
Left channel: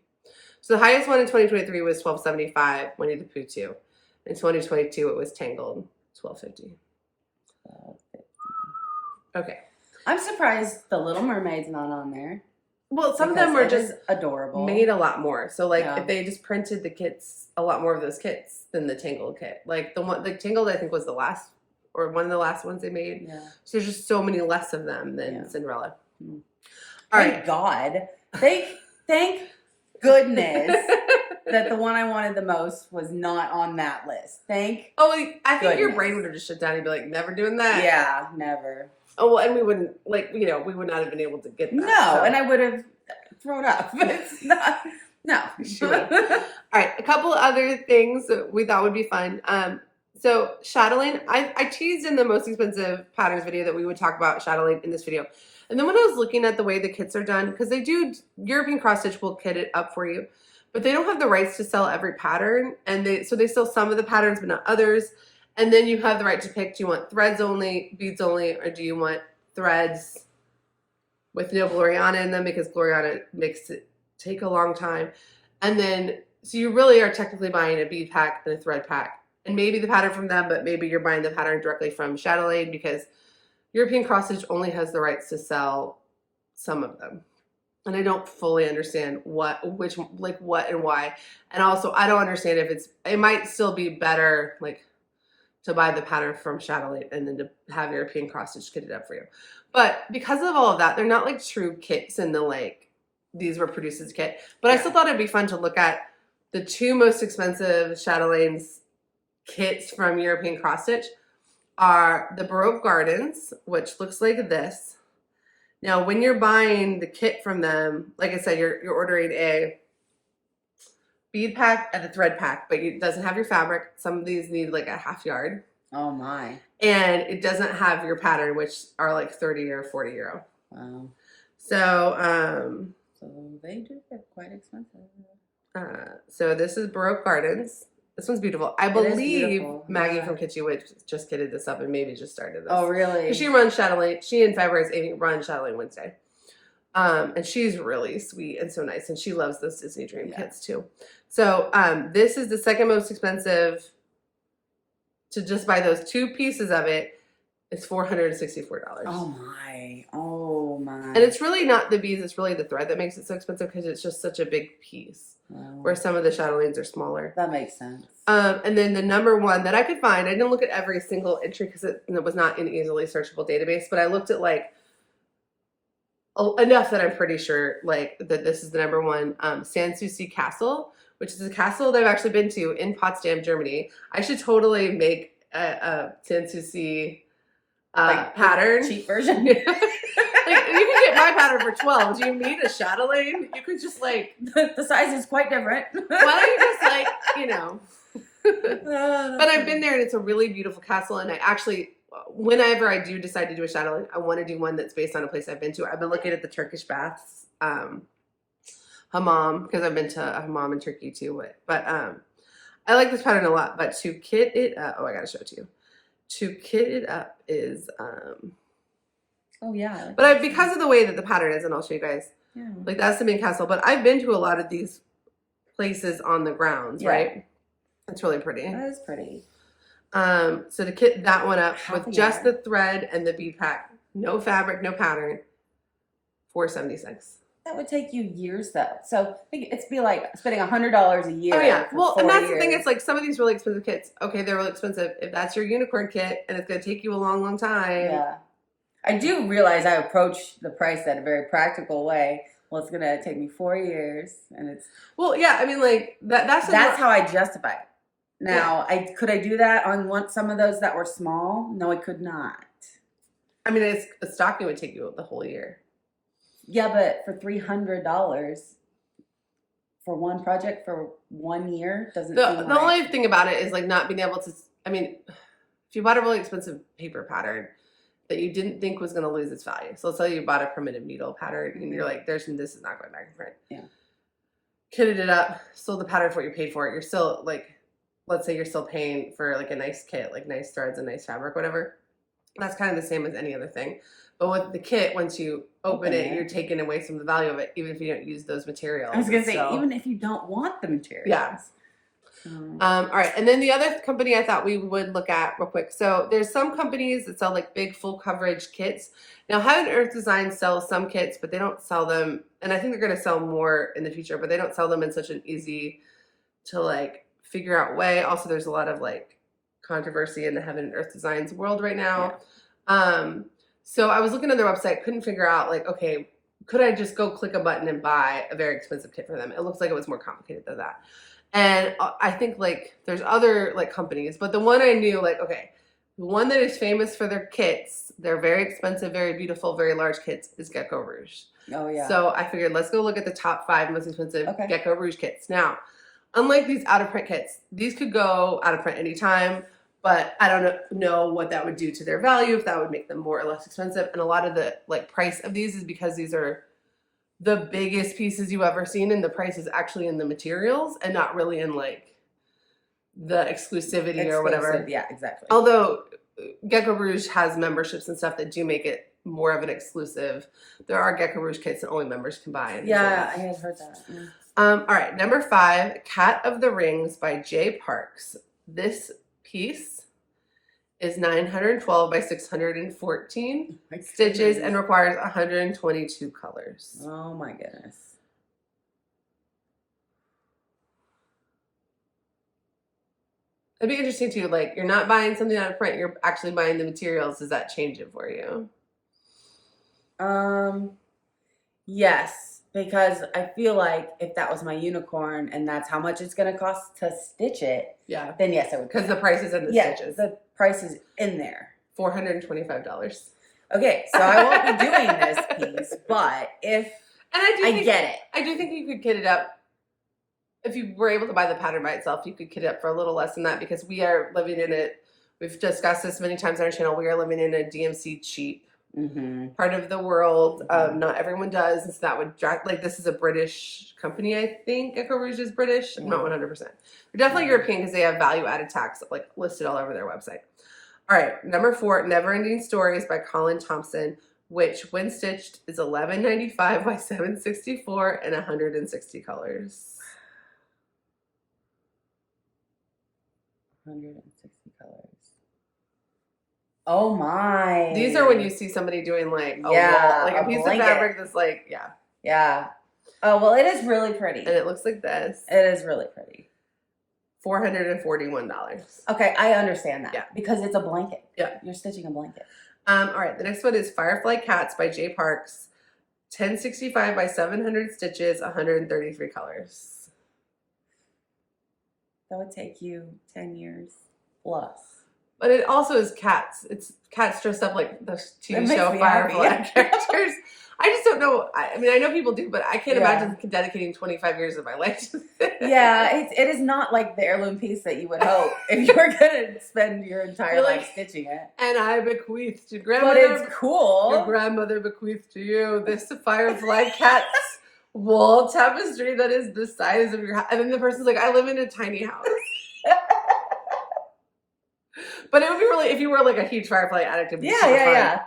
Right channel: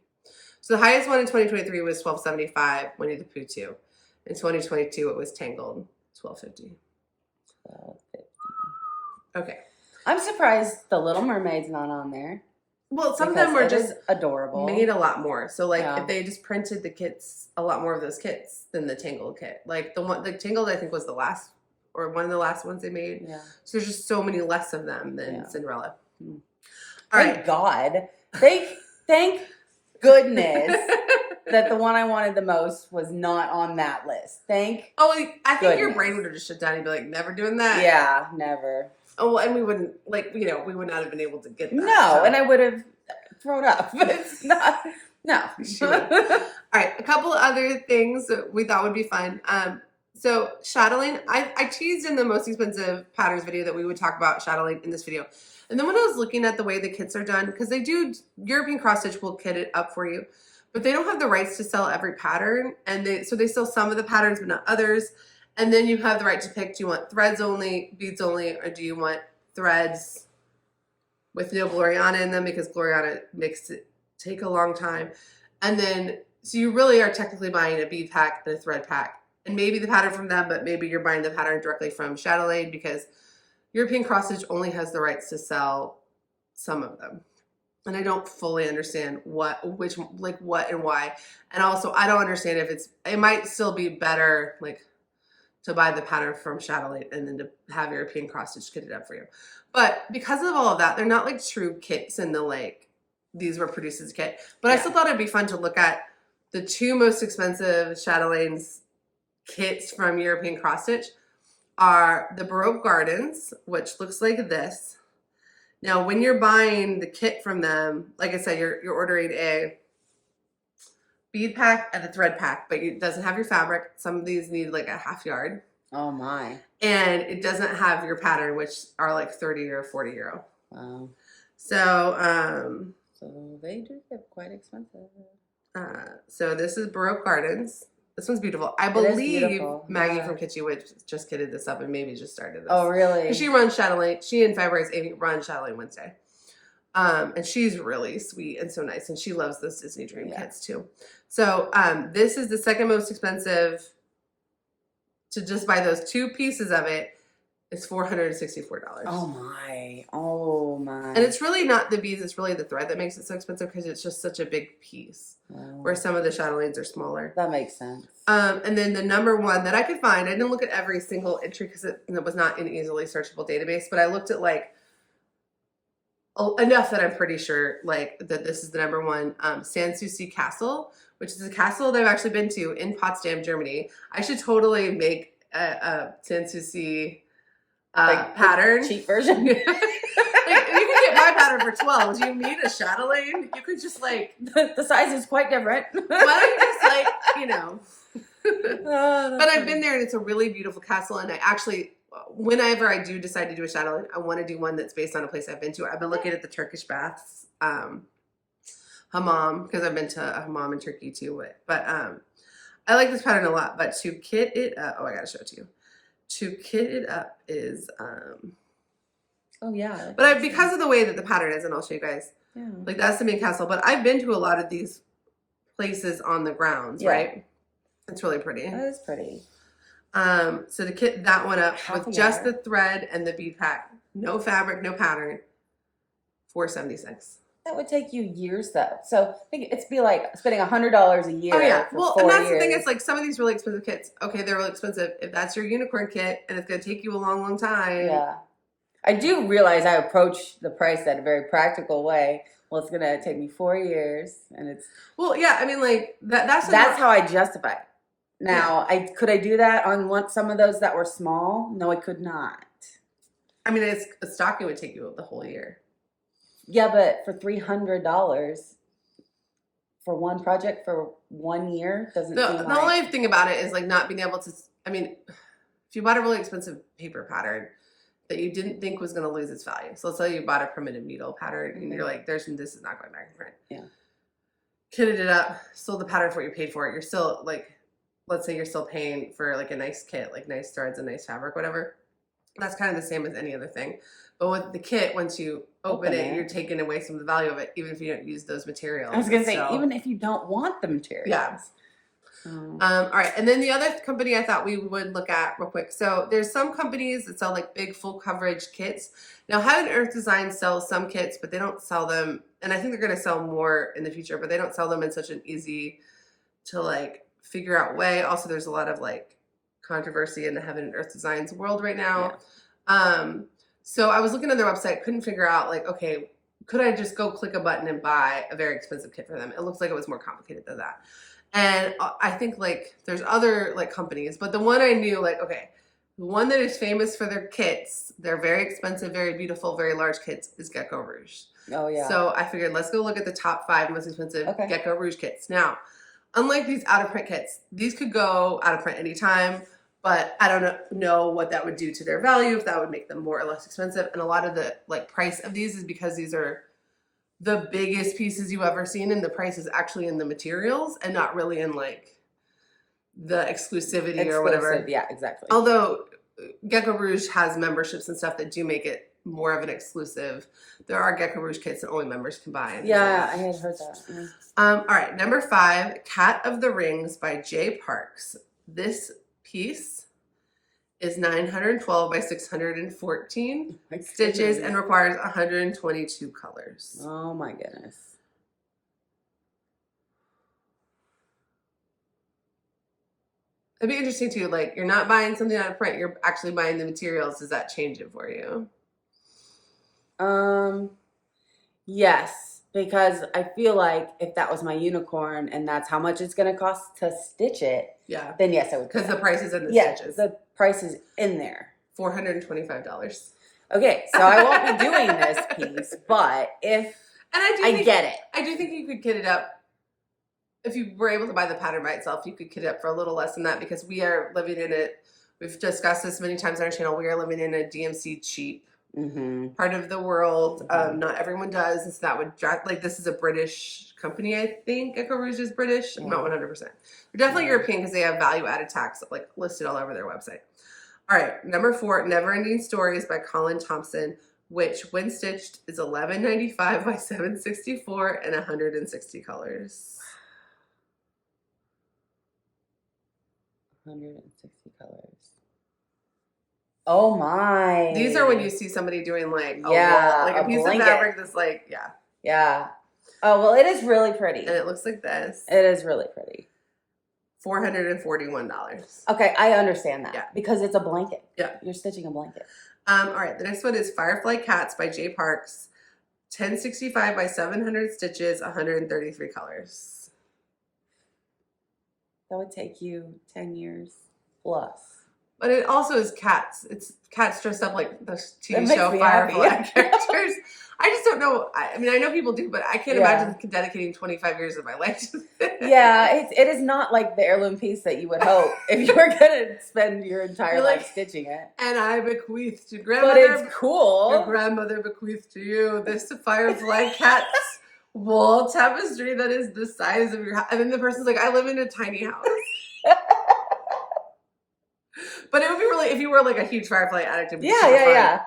So the highest one in 2023 was $12.75. Winnie the Pooh 2. In 2022, it was Tangled, $12.50. Okay. I'm surprised the Little Mermaid's not on there. Well, some of them were just adorable. Made a lot more. So like if they just printed the kits, a lot more of those kits than the Tangled kit. Like the Tangled I think was the last or one of the last ones they made. Yeah. So there's just so many less of them than Cinderella. Mm. All Thank right. God. Thank goodness that the one I wanted the most was not on that list. I think your brain would have just shut down and be like, never doing that. Yeah, never. Oh, well, and we wouldn't, we would not have been able to get that. No, and I would have thrown up, but it's not, no. Sure. All right, a couple other things that we thought would be fun. So chatelaine, I teased in the most expensive patterns video that we would talk about chatelaine in this video. And then when I was looking at the way the kits are done, because they do, European Cross Stitch will kit it up for you, but they don't have the rights to sell every pattern. And so they sell some of the patterns, but not others. And then you have the right to pick, do you want threads only, beads only, or do you want threads with no Gloriana in them because Gloriana makes it take a long time. And then, so you really are technically buying a bead pack and a thread pack. And maybe the pattern from them, but maybe you're buying the pattern directly from chatelaine because European Cross Stitch only has the rights to sell some of them. And I don't fully understand what and why. And also, I don't understand if it might still be better, to buy the pattern from chatelaine and then to have European Cross Stitch kitted up for you. But because of all of that, they're not like true kits in the these were produced as a kit. But I still thought it'd be fun to look at the 2 most expensive chatelaines kits from European Cross Stitch are the Baroque Gardens, which looks like this, Now, when you're buying the kit from them, like I said, you're ordering a bead pack and a thread pack, but it doesn't have your fabric. Some of these need like a half yard. Oh my. And it doesn't have your pattern, which are like 30 or 40 euro. Wow. So, so they do get quite expensive. So this is Baroque Gardens. This one's beautiful. I believe Maggie from Kitschy Witch just kitted this up and maybe just started this. Oh, really? She runs Chatelaine. She and Fabrice Amy run Chatelaine Wednesday. And she's really sweet and so nice. And she loves those Disney Dream kits too. So this is the second most expensive to just buy those two pieces of it. It's $464. Oh my. Oh my. And it's really not the beads, it's really the thread that makes it so expensive because it's just such a big piece. Wow. Where some of the chatelaines are smaller. That makes sense. And then the number one that I could find, I didn't look at every single entry because it was not an easily searchable database, but I looked at like enough that I'm pretty sure like that this is the number one. Sanssouci Castle, which is a castle that I've actually been to in Potsdam, Germany. I should totally make a Sanssouci pattern. Cheap version. Like, you can get my pattern for 12. Do you need a chatelaine? You could just like the size is quite different. Why don't you just like, you know. But I've been there and it's a really beautiful castle, and I actually whenever I do decide to do a chatelaine, I want to do one that's based on a place I've been to. I've been looking at the Turkish baths, hammam, because I've been to a hammam in Turkey too. But I like this pattern a lot. But to kit it up, oh, I gotta show it to you. To kit it up is oh yeah. But because of the way that the pattern is, and I'll show you guys. Yeah. Like that's the main castle. But I've been to a lot of these places on the grounds, right? It's really pretty. That is pretty. So to kit that one up with just the thread and the bead pack, no fabric, no pattern, $476. That would take you years though. So I think it's be like spending $100 a year. Oh yeah. For well, 4 and that's years. the thing. It's like some of these really expensive kits. Okay, they're really expensive. If that's your unicorn kit and it's going to take you a long, long time. Yeah. I do realize I approach the price in a very practical way. Well, it's going to take me 4 years, and it's. Well, yeah. I mean, like that's how I justify it. Now, could I do that on some of those that were small? No, I could not. I mean, a stocking would take you the whole year. Yeah, but for $300 for one project for 1 year doesn't. The only thing about it is like not being able to. I mean, if you bought a really expensive paper pattern that you didn't think was going to lose its value, so let's say you bought a primitive needle pattern and you're like, this is not going back in print. Yeah. Kitted it up, sold the pattern for what you paid for it. You're still like, let's say you're still paying for like a nice kit, like nice threads and nice fabric, whatever. That's kind of the same as any other thing. But with the kit, once you open it, you're taking away some of the value of it, even if you don't use those materials. I was going to say, even if you don't want the materials. Yeah. All right. And then the other company I thought we would look at real quick. So there's some companies that sell like big full coverage kits. Now, Heaven Earth Design sells some kits, but they don't sell them. And I think they're going to sell more in the future, but they don't sell them in such an easy to like figure out way. Also, there's a lot of like controversy in the Heaven and Earth Designs world right now. Yeah. So I was looking at their website, couldn't figure out like, okay, could I just go click a button and buy a very expensive kit for them? It looks like it was more complicated than that. And I think like there's other like companies, but the one I knew like, okay, the one that is famous for their kits, they're very expensive, very beautiful, very large kits is Gecko Rouge. Oh yeah. So I figured let's go look at the top 5 most expensive Gecko Rouge kits. Now, unlike these out of print kits, these could go out of print anytime, but I don't know what that would do to their value, if that would make them more or less expensive. And a lot of the like price of these is because these are the biggest pieces you've ever seen, and the price is actually in the materials and not really in like the exclusivity or whatever. Yeah, exactly. Although Gecko Rouge has memberships and stuff that do make it more of an exclusive. There are Gecko Rouge kits that only members can buy. Yeah, I had heard that. Mm. All right, number 5, Cat of the Rings by J. Parks. This piece is 912 by 614 stitches and requires 122 colors. Oh my goodness. It'd be interesting too, like you're not buying something out of print, you're actually buying the materials. Does that change it for you? Yes, because I feel like if that was my unicorn and that's how much it's going to cost to stitch it, then yes, I would. Because the price is in the stitches. The price is in there. $425. Okay, so I won't be doing this piece, but if I get it. I do think you could kit it up. If you were able to buy the pattern by itself, you could kit it up for a little less than that because we are living in it. We've discussed this many times on our channel. We are living in a DMC cheap part of the world. Not everyone does. And so that would like, this is a British company, I think. Eco Rouge is British. I'm not 100%. They're definitely European because they have value added tax like listed all over their website. All right, number 4, Never Ending Stories by Colin Thompson, which when stitched is $11.95 by $7.64 and 160 colors. 160 colors. Oh my. These are when you see somebody doing like a a piece blanket. of fabric that's like, Yeah. Oh, well, it is really pretty. And it looks like this. It is really pretty. $441. Okay, I understand that. Yeah. Because it's a blanket. Yeah. You're stitching a blanket. All right, the next one is Firefly Cats by J. Parks. 1065 by 700 stitches, 133 colors. That would take you 10 years plus. But it also is cats. It's cats dressed up like the TV show Firefly characters. I just don't know. I mean, I know people do, but I can't imagine dedicating 25 years of my life to this. Yeah, it is not like the heirloom piece that you would hope if you were going to spend your entire life stitching it. And I bequeath to grandmother. But it's cool. Your grandmother bequeathed to you this Firefly Cat's wall tapestry that is the size of your house. And then the person's like, I live in a tiny house. But it would be really, if you were like a huge Firefly addict, it'd be super fun.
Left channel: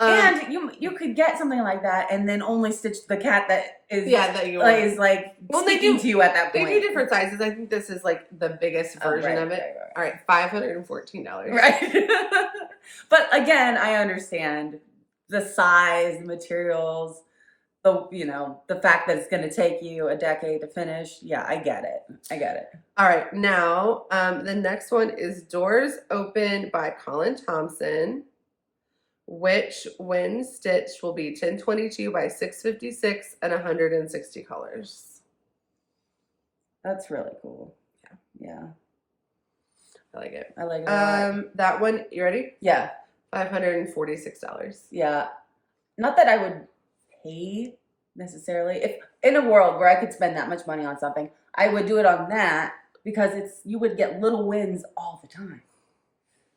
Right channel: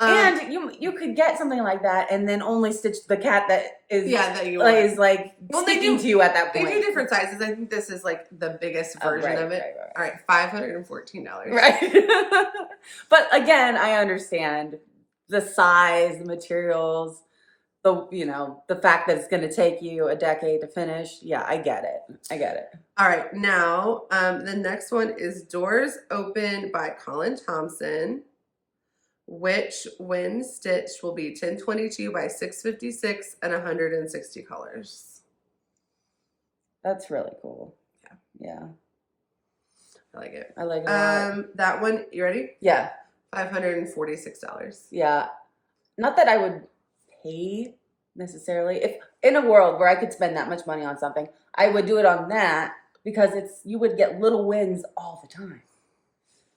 And you could get something like that and then only stitch the cat that is speaking to you at that point. They do different sizes. I think this is like the biggest version of it. Right. All right, $514. Right. But again, I understand the size, the materials, the fact that it's going to take you a decade to finish. Yeah, I get it. All right, now the next one is Doors Open by Colin Thompson, which when stitched will be 1022 by 656 and 160 colors. That's really cool. Yeah. I like it. I like it a lot. That one, you ready? Yeah. $546. Yeah. Not that I would pay necessarily. If in a world where I could spend that much money on something, I would do it on that because you would get little wins all the time.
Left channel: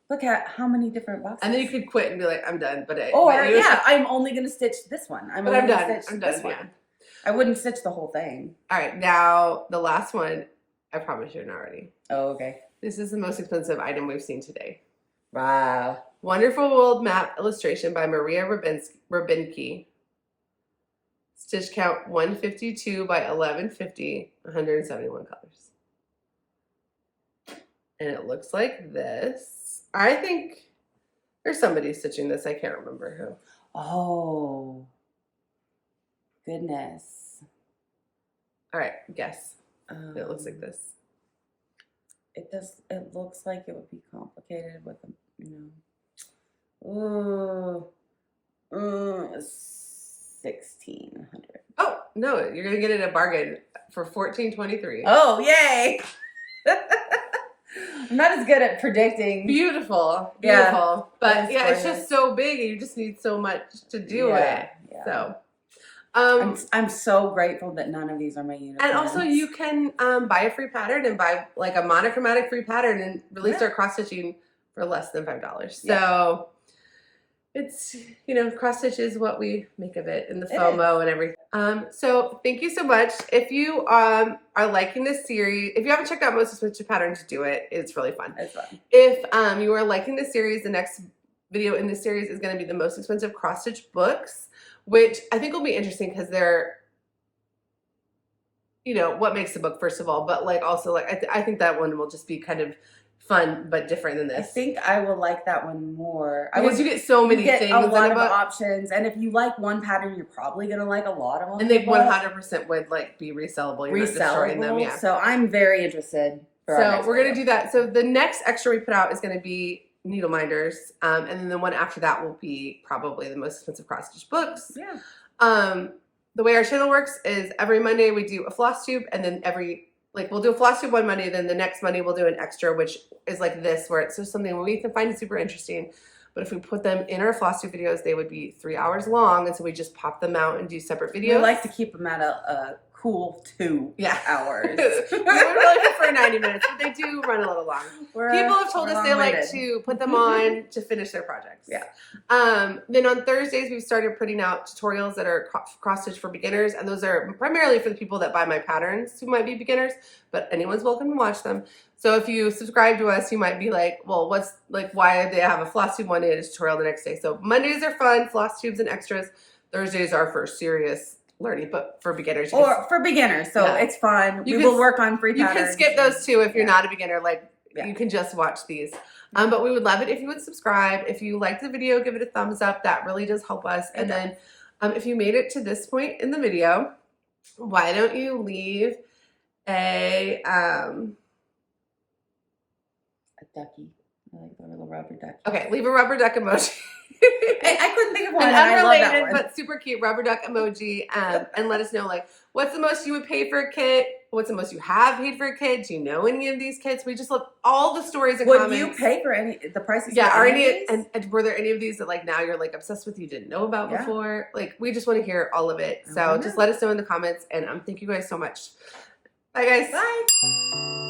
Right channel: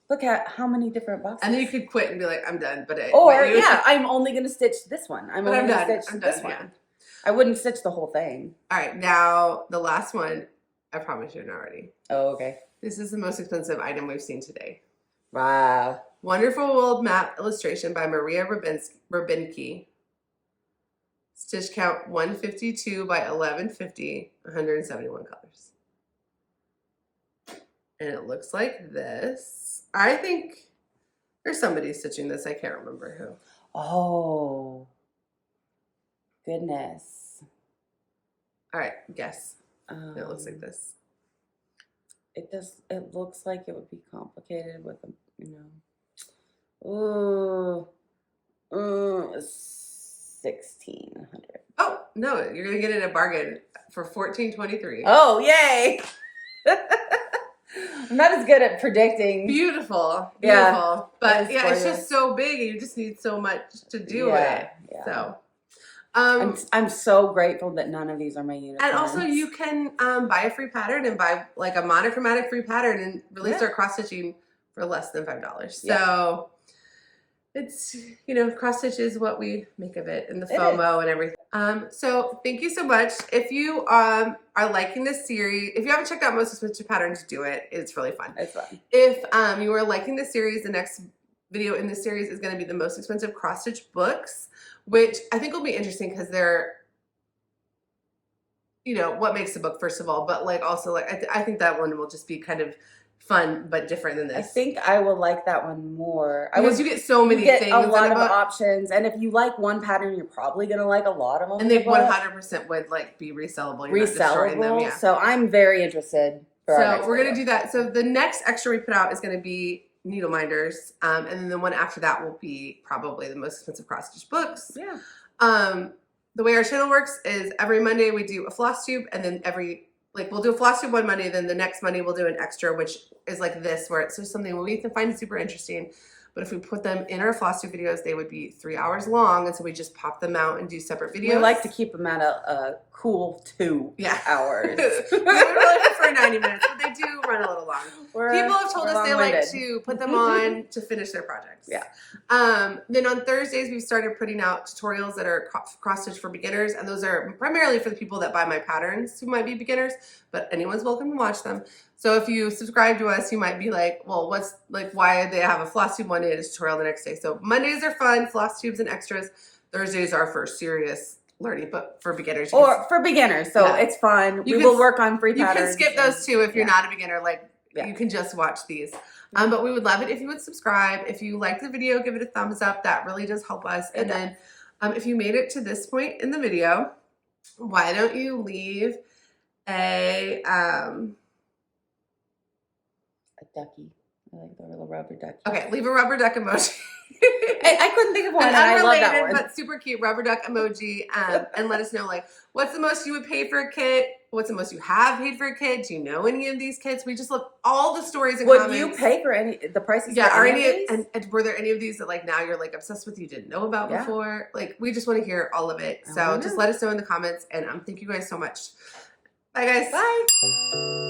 Look at how many different boxes. And then you could quit and be like, I'm done. But I'm only going to stitch this one. I'm done. Yeah. I wouldn't stitch the whole thing. All right. Now, the last one, I promise you're not ready. Oh, okay. This is the most expensive item we've seen today. Wow. Wonderful World Map illustration by Maria Rabinski. Stitch count 152 by 1150, 171 colors. And it looks like this. I think there's somebody stitching this. I can't remember who. Oh, goodness. All right, guess. It looks like this. It looks like it would be complicated with Ooh, 1,600. Oh no, you're gonna get it at a bargain for $14.23. Oh, yay! I'm not as good at predicting. Beautiful. Yeah. But yeah, it's just so big and you just need so much to do it. Yeah. So I'm so grateful that none of these are my unicorns. And also you can buy a free pattern and buy like a monochromatic free pattern and really start cross stitching for less than $5. So it's, cross stitch is what we make of it and the FOMO and everything. So thank you so much. If you are liking this series, if you haven't checked out Most Expensive Patterns, do it. It's really fun. It's fun. If you are liking this series, the next video in this series is going to be the most expensive cross stitch books, which I think will be interesting because they're, what makes a book first of all, but like also like I think that one will just be kind of fun but different than this. I think I will like that one more because you get so many things, a lot of options, and if you like one pattern, you're probably gonna like a lot of them. And they 100% would like be resellable. You're not destroying them. Yeah. So I'm very interested. So we're gonna do that. So the next extra we put out is gonna be needle minders, and then the one after that will be probably the most expensive cross stitch books. Yeah. The way our channel works is every Monday we do a floss tube, and then we'll do a floss tube one Monday, then the next Monday we'll do an extra, which is like this, where it's just something we can find super interesting. But if we put them in our Flosstube videos, they would be 3 hours long. And so we just pop them out and do separate videos. We like to keep them at a cool 2 hours. We would really prefer 90 minutes, but they do run a little long. People have told us they like to put them on to finish their projects. Yeah. Then on Thursdays, we've started putting out tutorials that are cross-stitch for beginners. And those are primarily for the people that buy my patterns who might be beginners, but anyone's welcome to watch them. So if you subscribe to us, you might be like, well, why do they have a Flosstube one day and a tutorial the next day? So Mondays are fun, Flosstubes and extras. Thursdays are for serious learning, but for beginners. For beginners, so it's fun. We will work on free patterns. You can skip those too if you're not a beginner. You can just watch these. But we would love it if you would subscribe. If you like the video, give it a thumbs up. That really does help us. And then if you made it to this point in the video, why don't you leave a ducky. I like the little rubber ducky. Okay, leave a rubber duck emoji. I couldn't think of one. An I love that unrelated one. but super cute rubber duck emoji. And let us know what's the most you would pay for a kit? What's the most you have paid for a kit? Do you know any of these kits? We just love all the stories and comments. Would you pay for the prices? Yeah, for any of these? And were there any of these that now you're obsessed with you didn't know about before? We just want to hear all of it. So just let us know in the comments. And thank you guys so much. Bye guys. Bye.